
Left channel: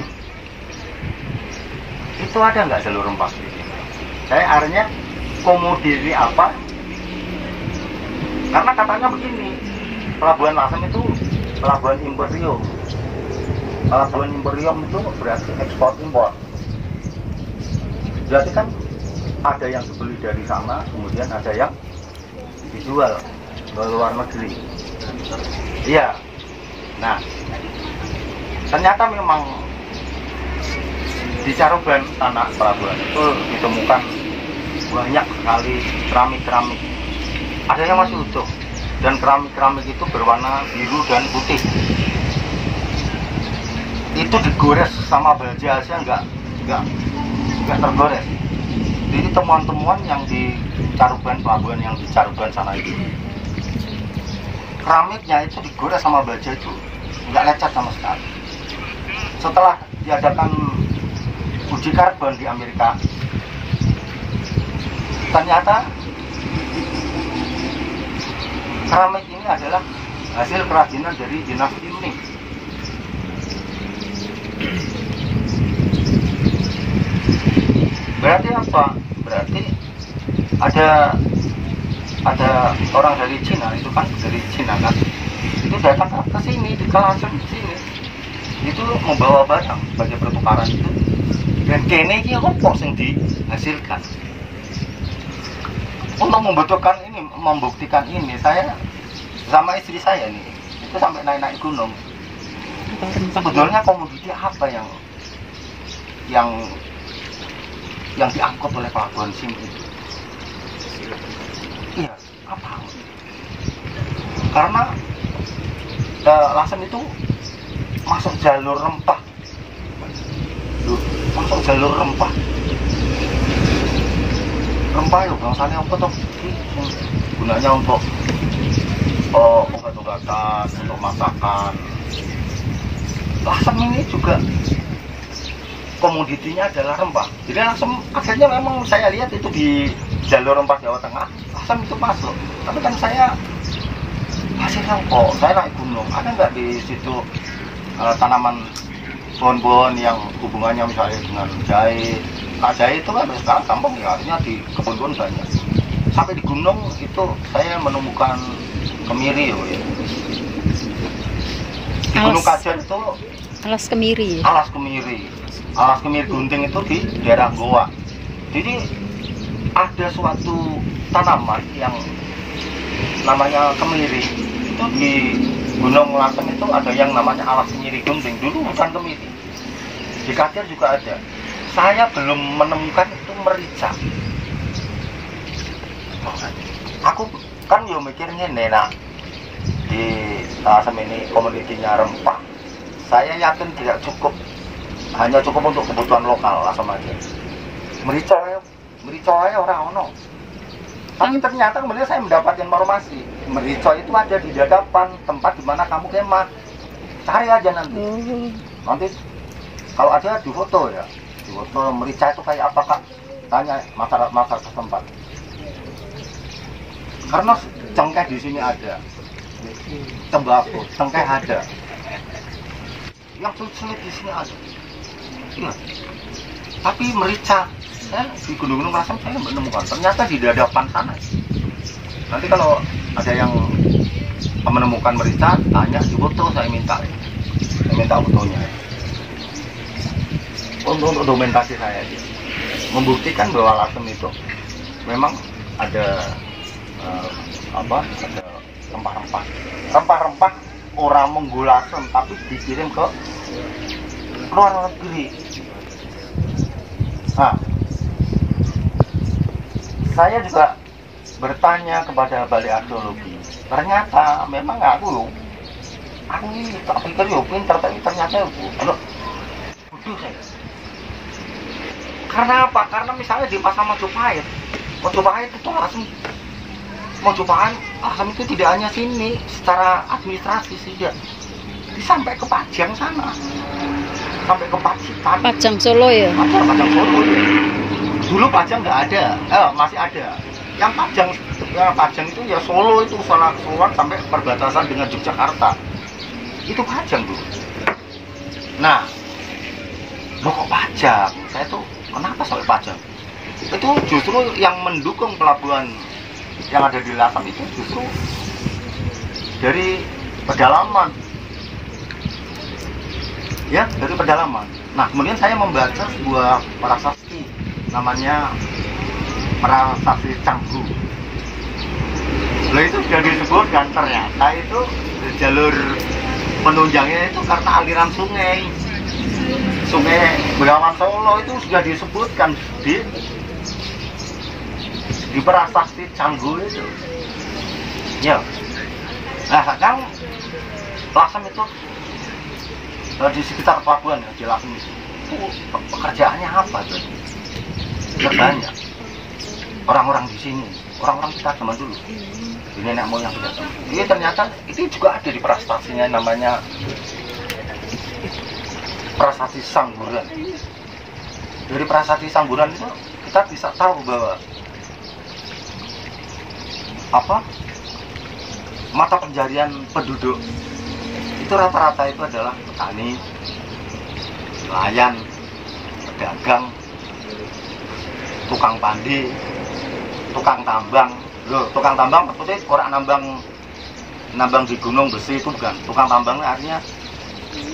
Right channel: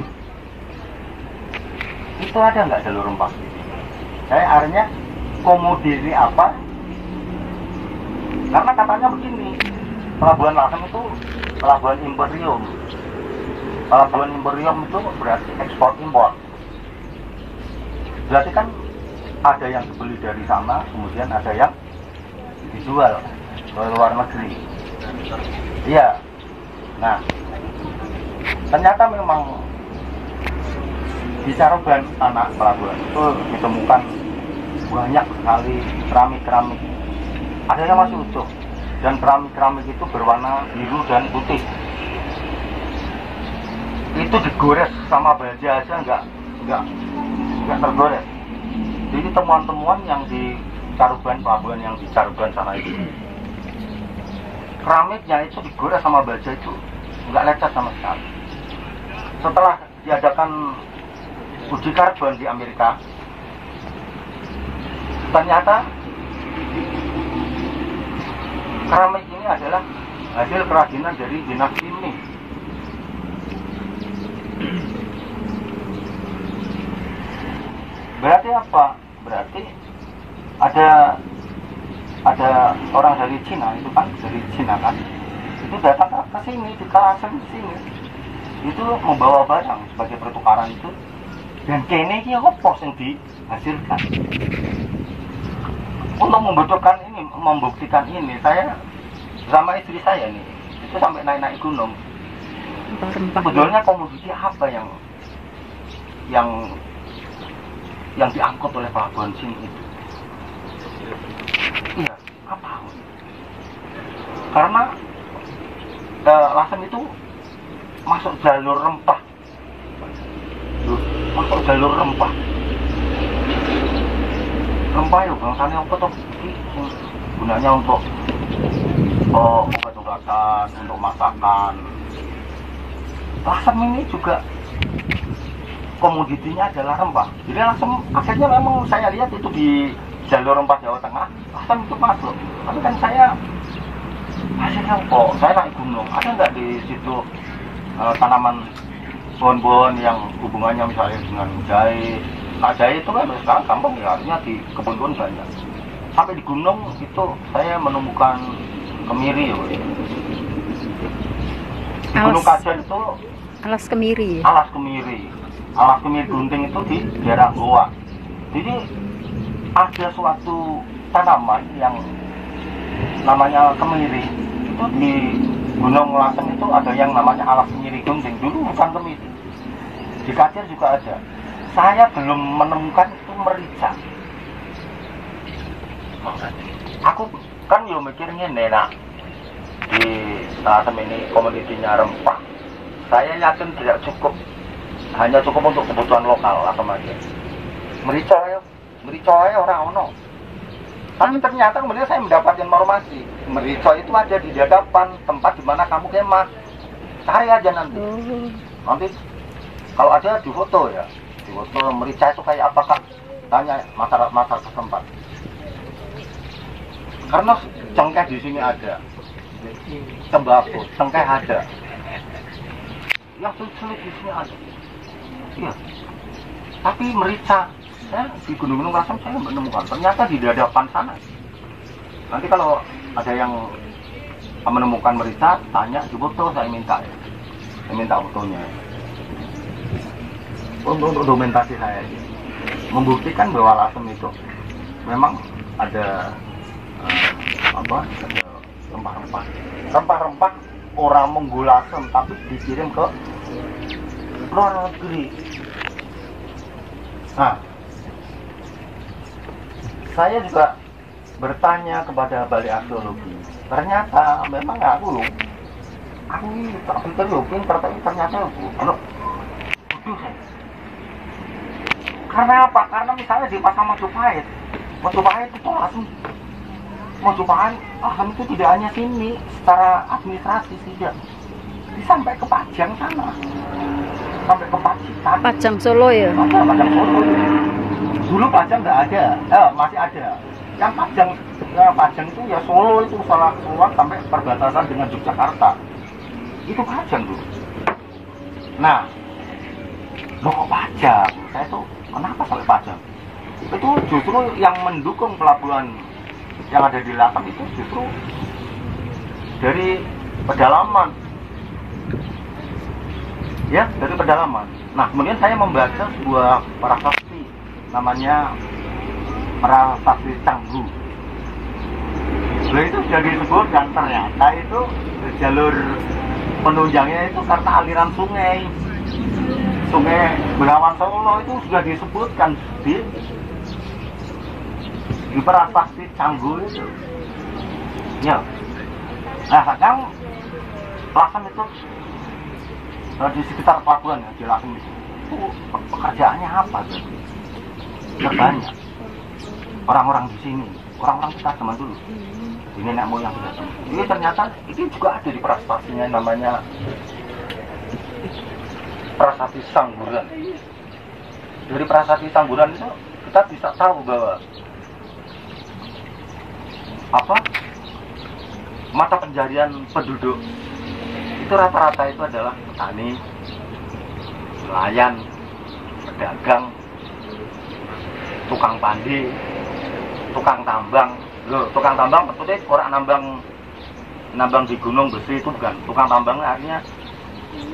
itu ada nggak jalur rempah di sini? Saya akhirnya komoditi apa? Karena katanya begini, pelabuhan Lasem itu pelabuhan imperium. Pelabuhan imperium itu berarti ekspor impor. Berarti kan ada yang dibeli dari sana, kemudian ada yang dijual ke luar negeri. Iya. Nah, ternyata memang di Caruban tanah pelabuhan itu ditemukan banyak sekali keramik-keramik. Ada yang masih utuh, dan keramik-keramik itu berwarna biru dan putih. Itu digores sama baja aja nggak tergores. Jadi temuan-temuan yang di Caruban, pelabuhan yang di Caruban sana itu, keramiknya itu digores sama baja itu nggak lecet sama sekali. Setelah diadakan uji karbon di Amerika, ternyata keramik ini adalah hasil kerajinan dari dinasti Ming. Berarti apa? Berarti ada orang dari Cina, itu kan dari Cina kan, itu datang ke sini, di kawasan sini, itu membawa barang sebagai pertukaran itu, dan kene ini apa yang dihasilkan. Untuk membuktikan ini, saya sama istri saya nih, itu sampai naik-naik gunung. Sebetulnya komoditi apa yang diangkut oleh pelabuhan sini itu? Iya, apa? Karena Lasem itu masuk jalur rempah. Masuk jalur rempah. Rempah yuk, bangsanya apa toh? Gunanya untuk obat-obatan, untuk masakan. Lasem ini juga komoditinya adalah rempah. Jadi Lasem akhirnya memang saya lihat itu di jalur rempah Jawa Tengah, Lasem itu masuk. Tapi kan saya hasilnya kok, saya naik gunung, ada nggak di situ tanaman pohon-pohon yang hubungannya misalnya dengan jahe? Nah, jahe itu kan sekarang gampang ya, artinya di kebun-kebun banyak. Sampai di gunung itu saya menemukan kemiri ya. Di Gunung Kajar itu alas kemiri. Alas kemiri gunting itu di daerah Goa. Jadi ada suatu tanaman yang namanya kemiri itu di Gunung Lasem itu ada yang namanya alas kemiri gunting. Dulu bukan kemiri. Di Kajar juga ada. Saya belum menemukan itu merica. Aku kan yo mikirnya nenak di Lasem ini komoditinya rempah. Saya yakin tidak cukup, hanya cukup untuk kebutuhan lokal Lasem aja. Merica ya orang ono. Tapi ternyata kemudian saya mendapat informasi, merica itu ada di Dadapan, tempat di mana kamu kemah. Cari aja nanti. Nanti kalau ada di foto ya. Di foto merica itu kayak apa Kak? Tanya masyarakat setempat. Karena cengkeh di sini ada, tembakau, cengkeh ada, yang sulit di sini ada. Iya. Tapi merica, di Gunung-Gunung Lasem saya menemukan. Ternyata di Dadapan sana. Nanti kalau ada yang menemukan merica, tanya di foto, saya minta fotonya. Untuk dokumentasi saya, membuktikan bahwa Lasem itu memang ada rempah-rempah orang Lasem tapi dikirim ke luar negeri. Nah, saya juga bertanya kepada balai arkeologi. Ternyata memang aku ini tak pikir pintar, tapi ternyata bodoh saya. Karena apa? Karena misalnya di pasar Majapahit itu langsung asam itu tidak hanya sini secara administrasi saja, sampai ke Pajang sana, sampai ke Pacitan. Pajang Solo ya? Pajang Solo. Dulu Pajang nggak ada, masih ada. Yang Pajang itu ya Solo itu salah sampai perbatasan dengan Yogyakarta. Itu Pajang dulu. Nah, kok Pajang? Saya tuh kenapa sampai Pajang? Itu justru yang mendukung pelabuhan yang ada di Latam itu justru dari pedalaman. Ya, dari pedalaman. Nah, kemudian saya membaca sebuah prasasti namanya Prasasti Canggu. Nah, itu sudah disebutkan ternyata itu jalur penunjangnya itu karena aliran Sungai Bengawan Solo itu sudah disebutkan di Prasasti Canggu itu. Ya. Nah, sekarang Lasem itu di sekitar pelabuhan ya, di Lasem itu pekerjaannya apa tuh? Banyak orang-orang di sini, orang-orang kita zaman dulu, ini nenek moyang kita zaman. Ini ternyata itu juga ada di prasastanya namanya Prasasti Sangguran. Dari Prasasti Sangguran itu kita bisa tahu bahwa mata pencarian penduduk itu rata-rata itu adalah petani, nelayan, pedagang, tukang pandi, tukang tambang. Tukang tambang maksudnya orang nambang di gunung besi itu bukan. Tukang tambangnya artinya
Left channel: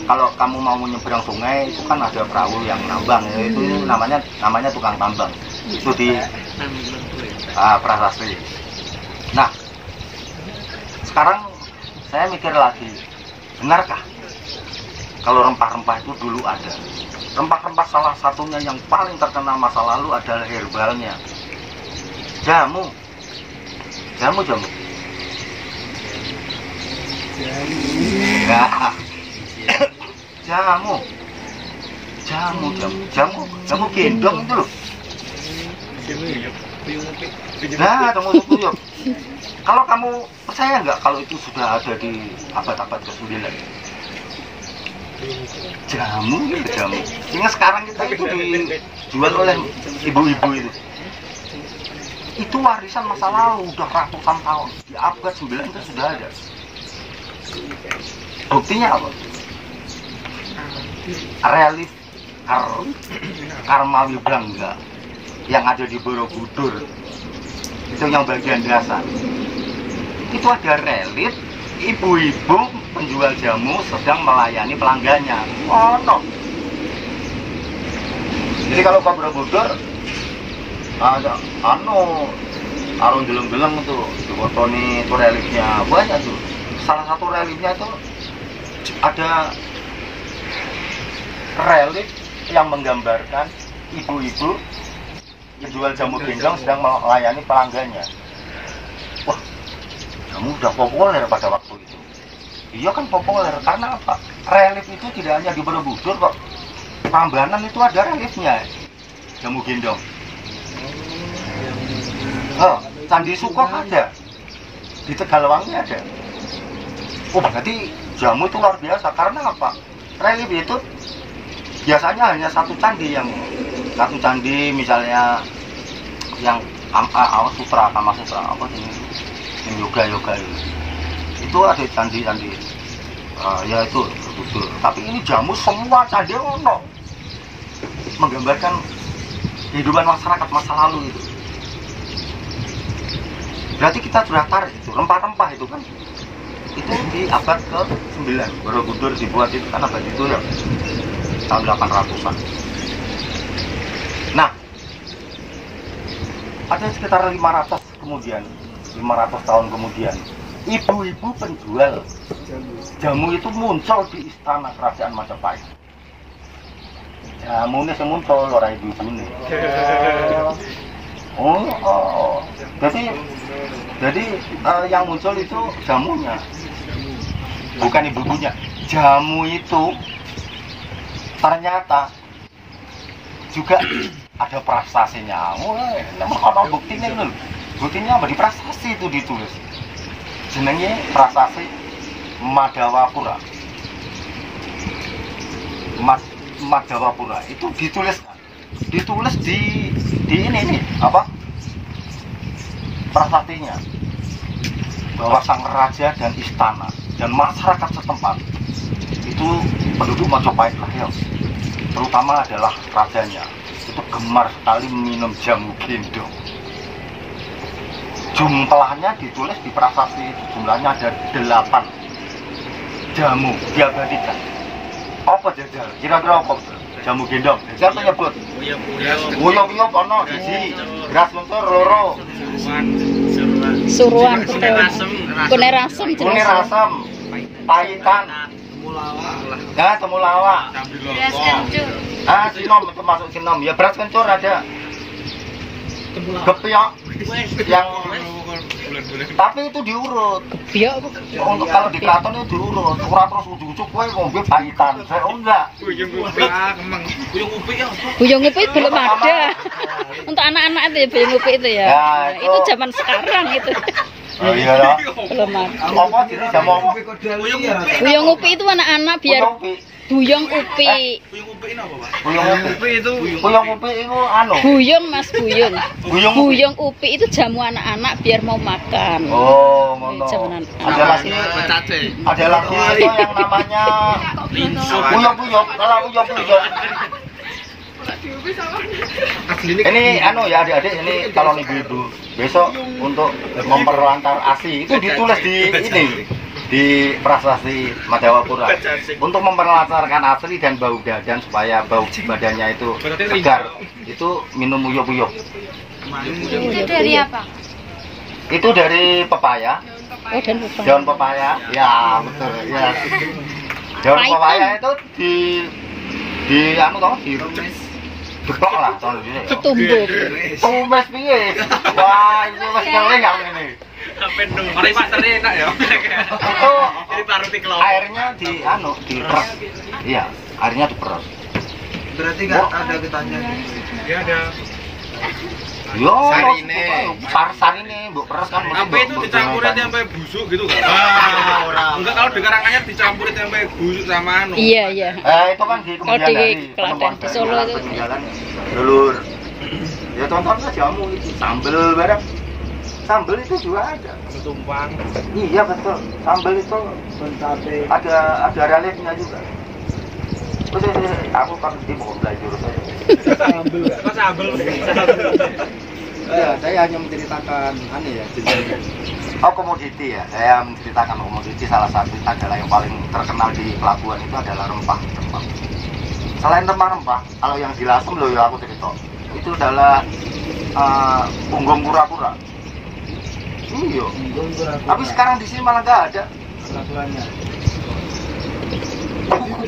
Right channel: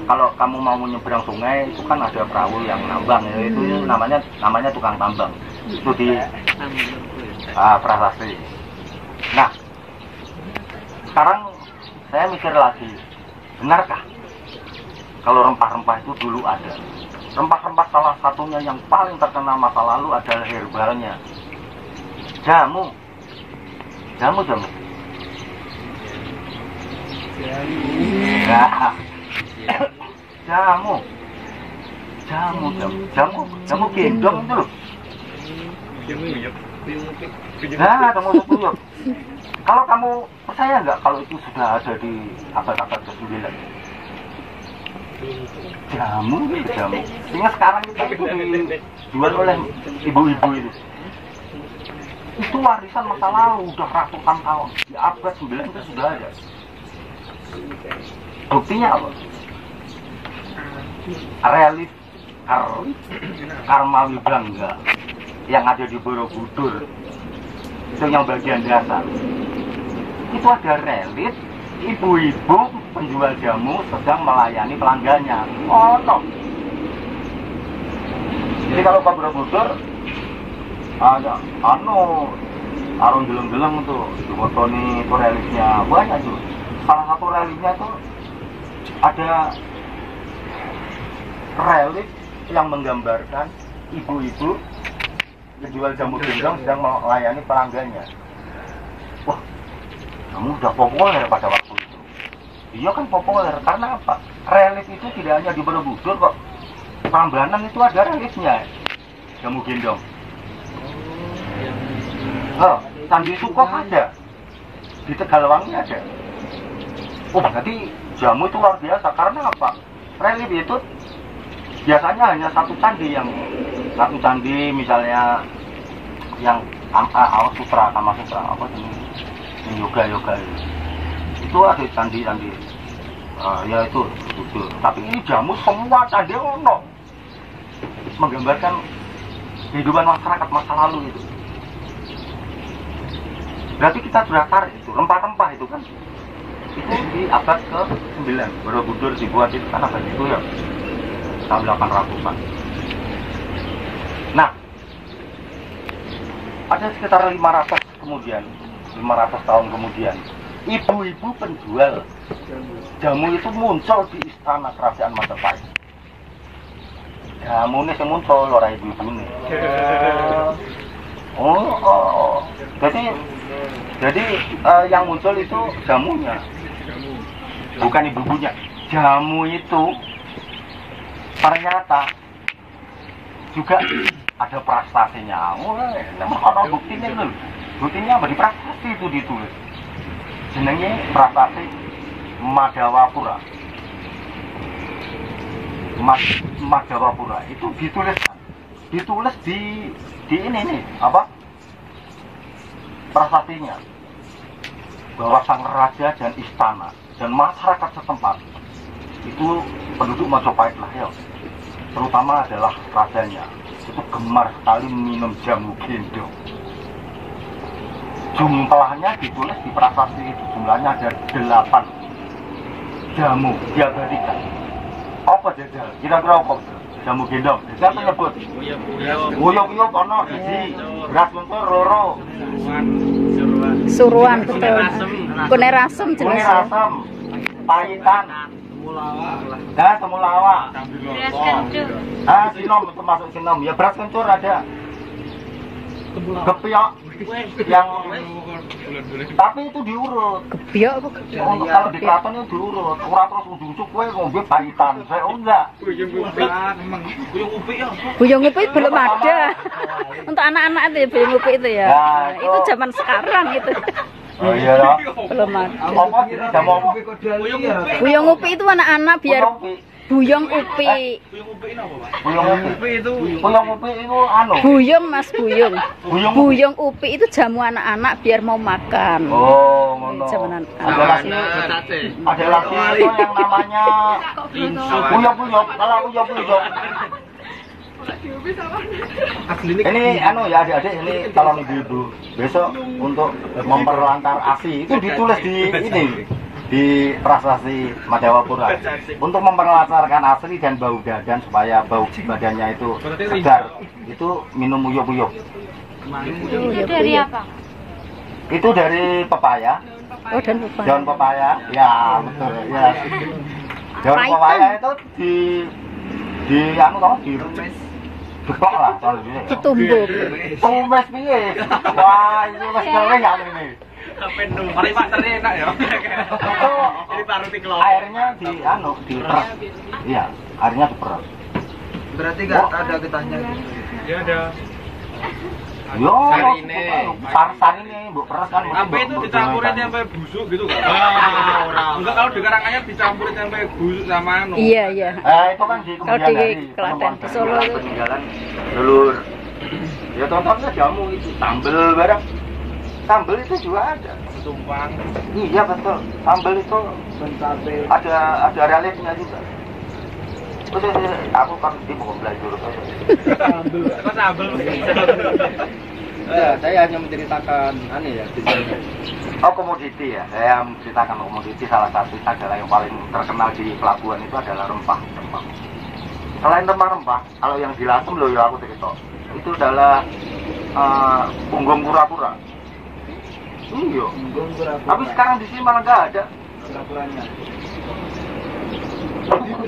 kalau kamu mau menyeberang sungai itu kan ada perahu yang nambang, itu namanya tukang tambang. Itu di prasasti. Nah, sekarang saya mikir lagi, benarkah kalau rempah-rempah itu dulu ada? Rempah-rempah salah satunya yang paling terkenal masa lalu adalah herbalnya. Jamu. Jamu gendong itu loh. Nah, jamu sepuyuh. Kalau kamu percaya nggak kalau itu sudah ada di abad-abad ke-9? Jamu. Sehingga sekarang itu dijual oleh ibu-ibu itu. Itu warisan masa lalu, udah ratusan tahun. Di abad 9 itu sudah ada. Buktinya apa? Relief Karmawi Bangga yang ada di Borobudur, itu yang bagian dasar. Itu ada relief ibu-ibu penjual jamu sedang melayani pelanggannya. Oh no. Jadi kalau ke Borobudur ada arung geleng-geleng itu dipotoni, itu reliefnya banyak tuh. Salah satu reliefnya itu ada relief yang menggambarkan ibu-ibu yang jual jamu gendong sedang melayani pelanggannya. Wah, jamu udah populer pada waktu itu. Iya kan populer, karena apa? Relief itu tidak hanya di Borobudur kok. Prambanan itu ada reliefnya, jamu gendong. Candi Sukoh ada, di Tegalwangi ada. Oh, berarti jamu itu luar biasa. Karena apa? Relief itu biasanya hanya satu candi misalnya yang Kama Sutra apa ini yoga itu ada candi ya itu betul. Tapi ini jamu semua candi ono menggambarkan kehidupan masyarakat masa lalu itu. Berarti kita sudah tarik itu rempah-rempah itu kan, itu di abad ke-9 Borobudur dibuat itu kan abad itu ya tahun 800-an. Nah, ada sekitar 500 tahun kemudian ibu-ibu penjual jamu itu muncul di istana kerajaan Majapahit. Jamune sing muncul ora ibu-ibune. Oh. Jadi yang muncul itu jamunya. Bukan ibu-ibunya. Jamu itu ternyata juga ada prestasinya. Memang ono buktinya lho. Buktinya apa di prestasi itu ditulis. Jenenge prestasi Madawapura. Madawapura itu ditulis di ini nih apa? Prasastinya bahwa sang raja dan istana dan masyarakat setempat itu penduduk Majapahit lah ya, terutama adalah rajanya itu gemar sekali minum jamu gendong. Jumlahnya ditulis di prasasti itu, jumlahnya ada 8 jamu diabadikan. Apa jajal? Kira-kira apa? Jamu gendong. Siapa nyebut? Uyup-uyup ono siji, beras mencur loro. Suruhan betul. Kune rasem jelas. Kune rasem, pahitan, temulawak. Sinom termasuk sinom. Ya beras kencur ada. Gepiok yang tapi itu diurut. Gepiok apa gepiok? Untuk kalau di keraton itu diurut. Ora terus ujug-ujug kowe ngombe pahitan. Saya enggak. Buyung upi belum ada. Untuk anak-anak itu ya buyung upi itu ya. Nah, itu zaman sekarang itu. Oh iya loh. Belum ada. Apa jenis jamu? Buyung upi itu anak-anak biar buyung upi. Buyung upi itu anu. Buyung Mas buyung. Buyung upi itu jamu anak-anak biar mau makan. Oh, ngono. Ada lagi itu yang namanya uyup-uyup. Kalau uyup-uyup. Ini anu ya adik-adik, ini calon ibu-ibu besok untuk memperlantar ASI itu ditulis di ini di prasasti Madawapura untuk memperlancarkan asli dan bau badan supaya bau badannya itu segar. Itu minum uyup-uyup. Itu dari apa? Itu dari pepaya. Oh, daun pepaya. Ya betul ya. Daun pepaya itu di anu toh di depok lah kalau ini. Ditumbuk. Tumes piye? Wah, itu wis keleng ini. Mari Pak teri enak ya. Itu airnya di anu diperes. Iya, airnya diperes. Berarti nggak ada getahnya? Iya ada. Yo, sarine mbok peres kan. Apa itu dicampurin tempe busuk gitu kan? Enggak, kalau di Karanganyar dicampurin tempe busuk sama anu. Iya. Itu kan di kalau di Klaten, di Solo itu. Dulur. Ya contohnya jamu itu sambel bareng. Sambel itu juga ada. Tumpang. Iya betul. Sambel itu ada reliefnya juga. Terus aku kan di mau belajar Sambel. Ya, saya hanya menceritakan ya jenisnya. Oh, komoditi ya. Saya menceritakan komoditi salah satu adalah yang paling terkenal di pelabuhan itu adalah rempah. Selain rempah-rempah, kalau yang di Lasem loh ya aku cerita. Itu adalah punggung kura-kura. Iya. Tapi sekarang di sini malah nggak ada.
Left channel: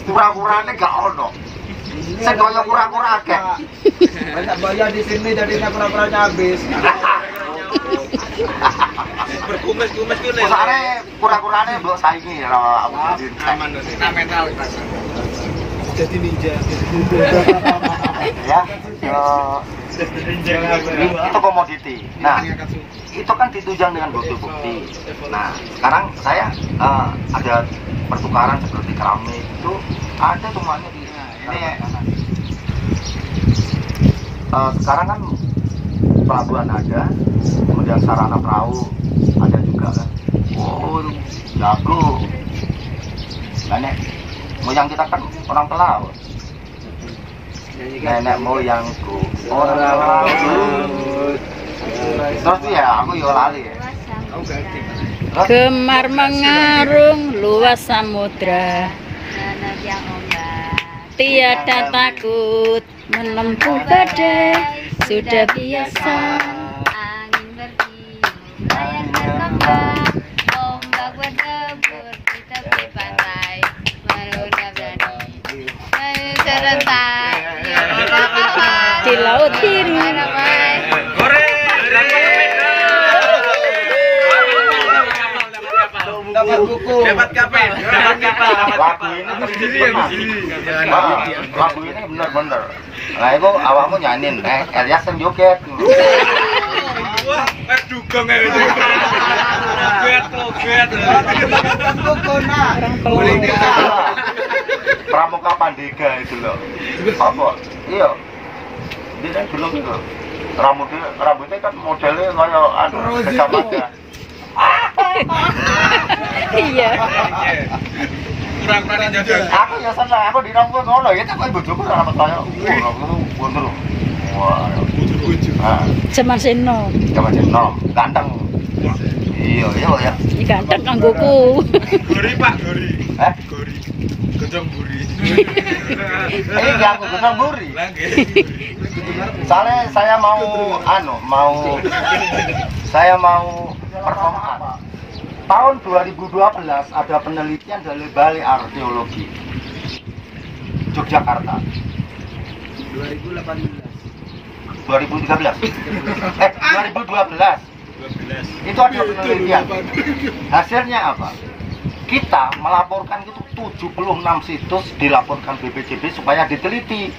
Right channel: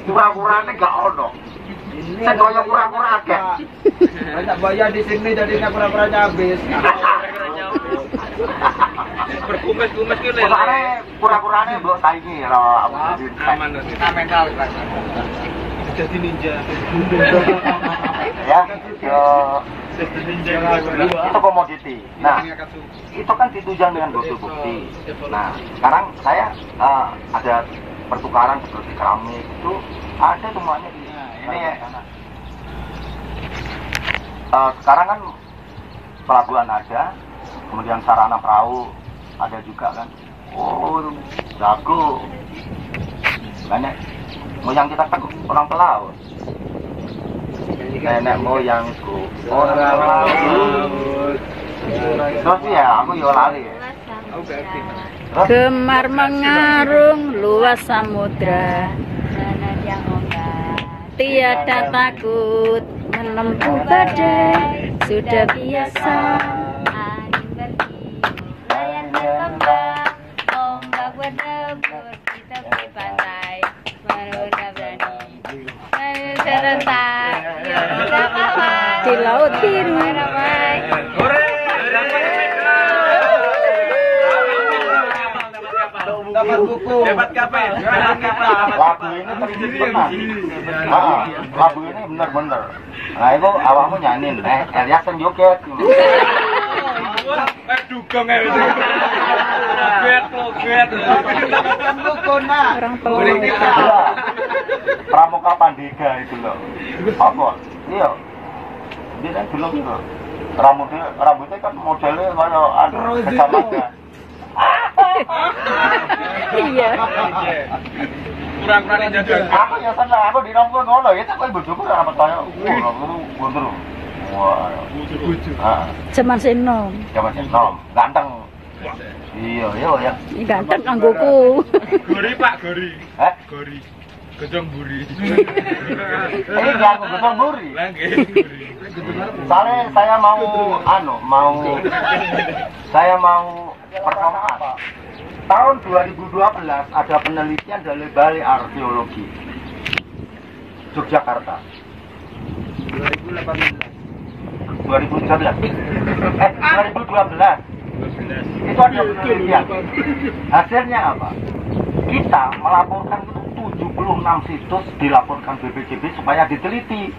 Kura-kuranya nggak ono. Saya goyang kura-kura akeh. Banyak bayar di sini jadinya kura-kuranya habis. Berkumis-kumis gitu. Soalnya kura-kuranya mbok saingi karo aku. Aman mental. Jadi ninja. Ya, itu komoditi. Nah, itu kan ditunjang dengan bukti-bukti. Nah, sekarang saya ada pertukaran seperti keramik itu ada semuanya di ini ya. Sekarang kan pelabuhan ada, kemudian sarana perahu ada juga kan. Oh, jago. Nenek moyang kita kan orang pelaut. Nenek moyangku orang pelaut. Terus ya, aku yo lali ya. Gemar mengarung luas samudra, tiada takut menempuh badai, sudah biasa. Angin bertiup, layar berkembang, ombak berdebur di tepi pantai, manusia berani, serentak. di laut biru. Dapat buku. Dapat kafe. Lagu ini lagu ini bener-bener. Nah itu awakmu nyanyiin, Elias yang joget. Wah, dugong ya itu. Loget. Orang pelong. Pramuka Pandega itu loh. Apa? Iya. Dia kan belum itu. Rambutnya kan modelnya kayak kecamatan. Iya. Kurang jajan. Aku ya seneng, aku di rambut ngono ya tak koyo bojoku rambut kaya ngono. Wah. Zaman seno. Zaman nom, ganteng. Iya ya. Ini ganteng kanggoku. Gori Pak, gori. Hah? Gori. Gojong buri. Ini enggak aku gotong buri. Soalnya saya mau performaan. Tahun 2012 ada penelitian dari Balai Arkeologi Yogyakarta. 2013. 2012. Itu ada penelitian. Hasilnya apa? Kita melaporkan itu 76 situs dilaporkan BPJB supaya diteliti.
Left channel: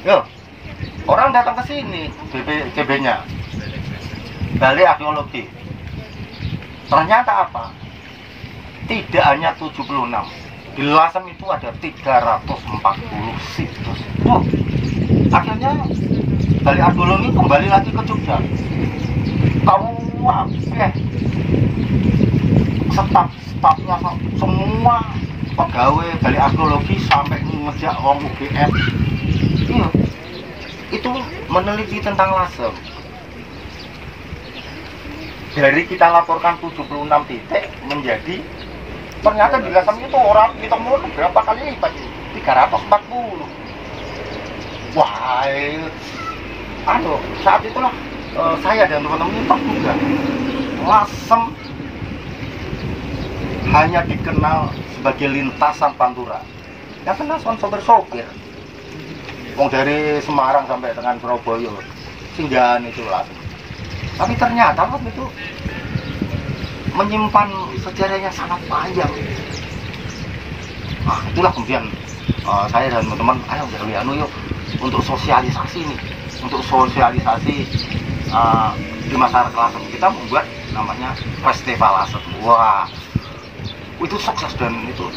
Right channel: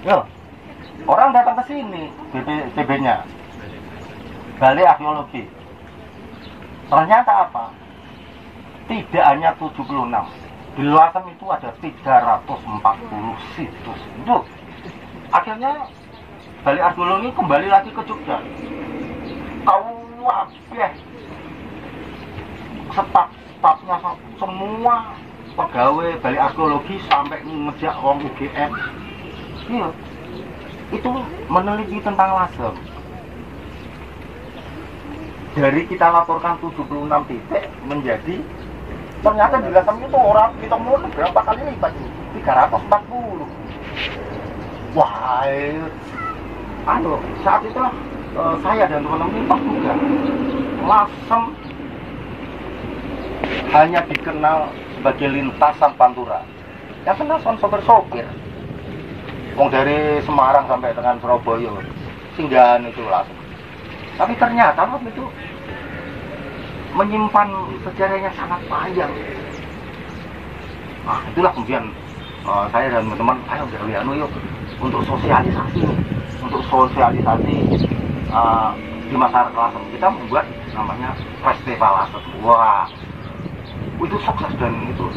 Yo, orang datang ke sini BPJB-nya, Balai Arkeologi. Ternyata apa? Tidak hanya 76. Di Lasem itu ada 340 situs. Tuh. Akhirnya Balai Arkeologi kembali lagi ke Jogja. Stafnya semua pegawai Balai Arkeologi sampai ngejak orang UGM. Iya. Itu meneliti tentang Lasem. Dari kita laporkan 76 titik menjadi ternyata di Lasem itu orang kita mulai berapa kali lipat? 340. Wah, saat itulah saya dan teman-teman ini juga Lasem hanya dikenal sebagai lintasan Pantura. Yang kenal sopir-sopir. Wong dari Semarang sampai dengan Surabaya, singgahan itu Lasem. Tapi ternyata itu menyimpan sejarah yang sangat panjang. Nah, itulah kemudian saya dan teman-teman, ayo gawe yuk untuk sosialisasi nih, untuk sosialisasi di masyarakat Lasem. Kita membuat namanya Festival Lasem. Wah, itu sukses dan itu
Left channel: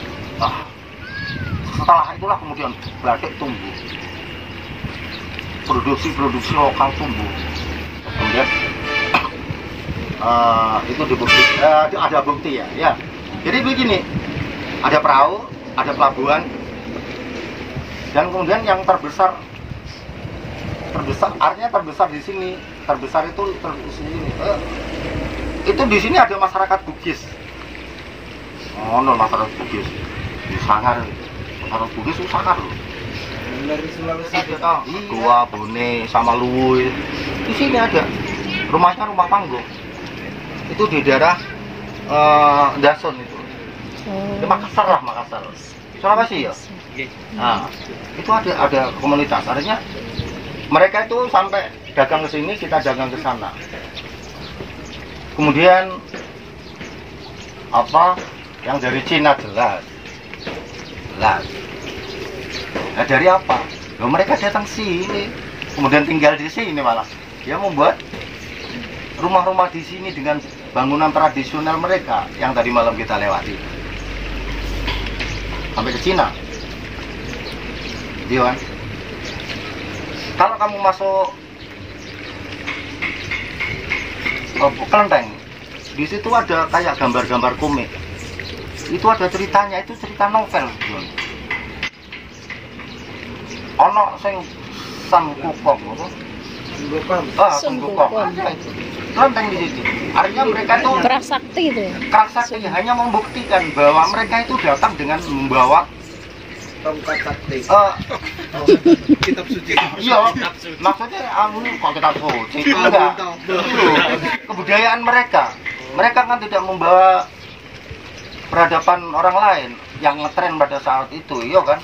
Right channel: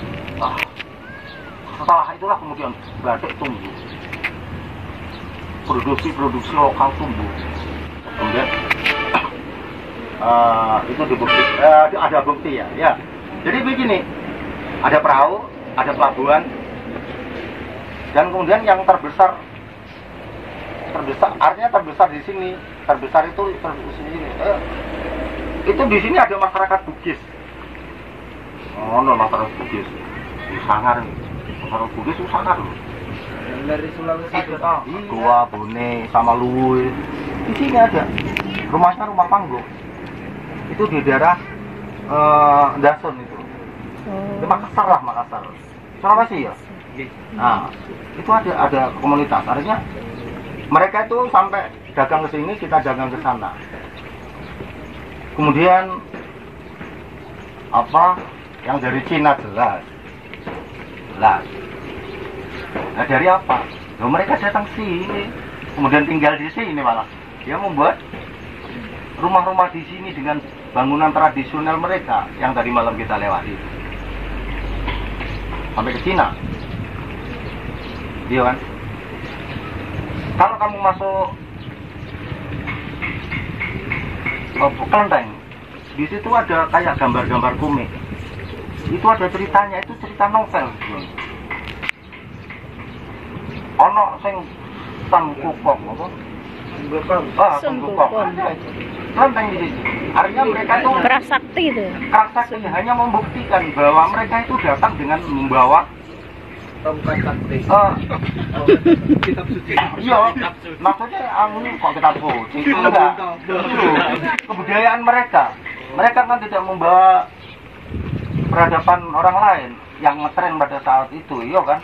setelah itulah kemudian batik tumbuh, produksi lokal tumbuh. Kemudian itu dibukti, ada bukti ya. Jadi begini, ada perahu, ada pelabuhan, dan kemudian yang terbesar artinya terbesar di sini, terbesar itu di sini. Itu di sini ada masyarakat Bugis. Masyarakat Bugis di Sangar, masyarakat Bugis itu Sangar loh. Dari Sulawesi Goa, Bone, sama Luwu. Di sini ada rumahnya rumah panggung. Itu di daerah Dasun itu. Di Makassar. Sulawesi ya. Nah, itu ada komunitas. Artinya mereka itu sampai dagang ke sini, kita dagang ke sana. Kemudian apa yang dari Cina jelas. Nah, dari apa? Mereka datang sini, kemudian tinggal di sini malah. Dia membuat rumah-rumah di sini dengan bangunan tradisional mereka yang tadi malam kita lewati. Sampai ke Cina. Iya kan? Kalau kamu masuk Kelenteng, di situ ada kayak gambar-gambar komik. Itu ada ceritanya, itu cerita novel. Ono sing Sun Wukong apa? Sun Wukong. Kelenteng di situ. Artinya mereka itu Keras sakti itu ya. keras sakti hanya membuktikan bahwa mereka itu datang dengan membawa tongkat sakti. Kitab suci. Iya, maksudnya kok kitab suci itu enggak. Kebudayaan mereka. Mereka kan tidak membawa peradaban orang lain yang ngetren pada saat itu, iya kan?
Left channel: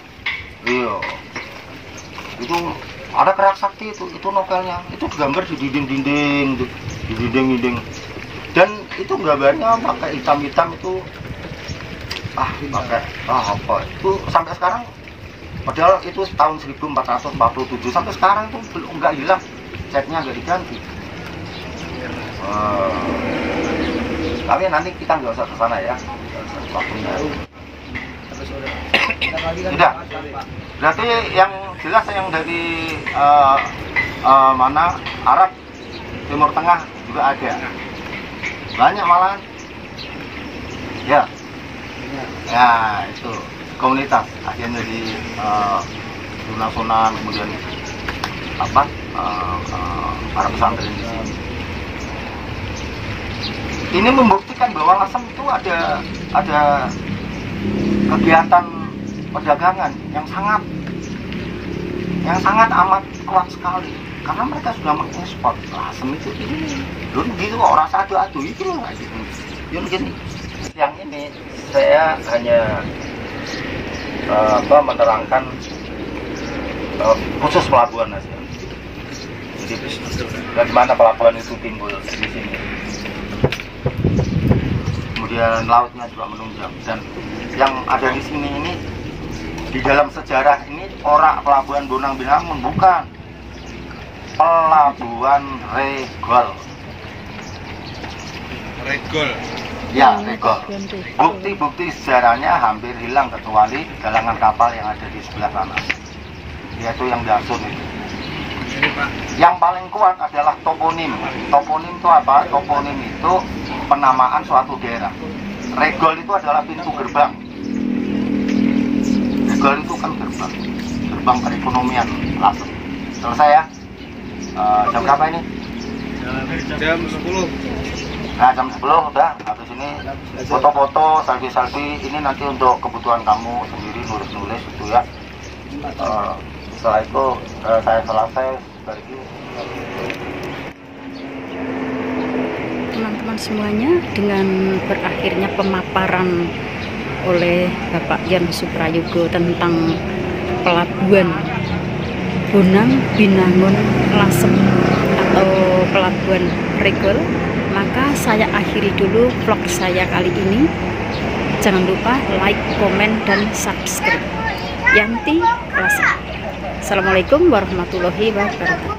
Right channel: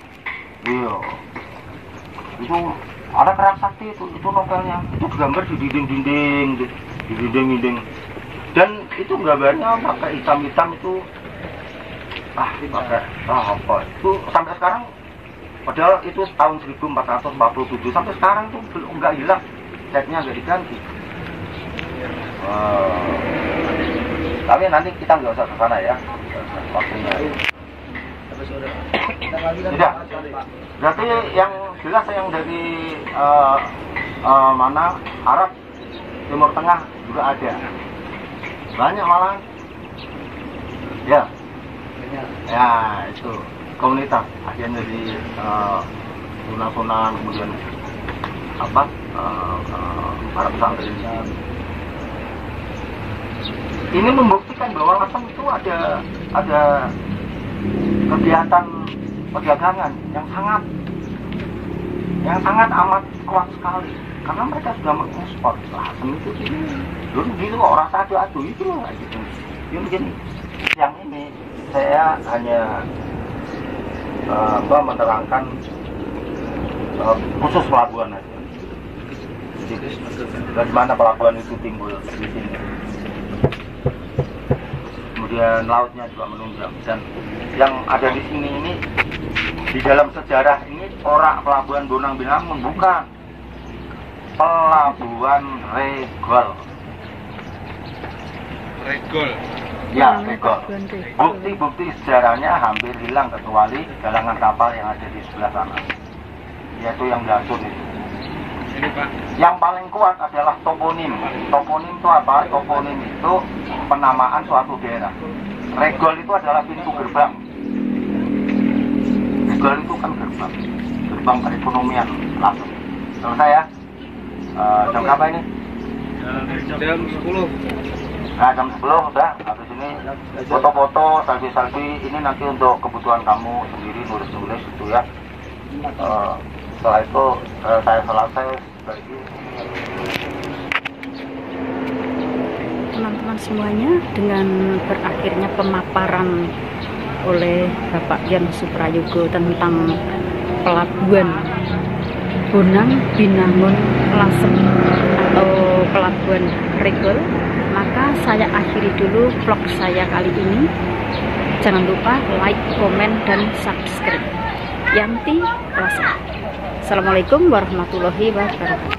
Iya. Itu Ada Kerak Sakti itu novelnya, itu gambar di dinding-dinding, di dinding-dinding, dan itu gambarnya pakai hitam-hitam itu, pakai apa itu sampai sekarang, padahal itu tahun 1447 sampai sekarang itu belum, nggak hilang, catnya nggak diganti. Tapi nanti kita nggak usah ke sana ya, waktunya. Tidak. Berarti yang jelas yang dari mana Arab, Timur Tengah juga ada. Banyak malahan. Ya. Ya, itu komunitas akhirnya di Sunan, kemudian apa? Para pesantren di sini. Ini membuktikan bahwa Lasem itu ada kegiatan perdagangan yang sangat amat kuat sekali, karena mereka sudah mengekspor Lasem itu dulu gitu kok, rasa adu-adu itu loh kayak gitu. Yang gini, yang ini saya hanya menerangkan khusus pelabuhan aja. Jadi dari mana pelabuhan itu timbul di sini. Kemudian lautnya juga menunjang, dan yang ada di sini ini di dalam sejarah ini Orak Pelabuhan Bonang Binangun, bukan Pelabuhan Regol. Ya, Regol. Bukti-bukti sejarahnya hampir hilang kecuali galangan kapal yang ada di sebelah sana, yaitu yang Dasun itu. Yang paling kuat adalah toponim. Toponim itu apa? Toponim itu penamaan suatu daerah. Regol itu adalah pintu gerbang. Regol itu kan gerbang perekonomian Lasem. Selesai ya? Jam berapa ini? Jam 10. Nah, jam 10 udah. Habis ini foto-foto, selfie-selfie. Ini nanti untuk kebutuhan kamu sendiri, nulis-nulis itu ya. Setelah itu saya selesai lagi. Teman-teman semuanya, dengan berakhirnya pemaparan oleh Bapak Yon Suprayogo tentang pelabuhan Bonang Binangun Lasem atau pelabuhan Regol, maka saya akhiri dulu vlog saya kali ini. Jangan lupa like, komen, dan subscribe. Yanti Lasem. Assalamualaikum warahmatullahi wabarakatuh.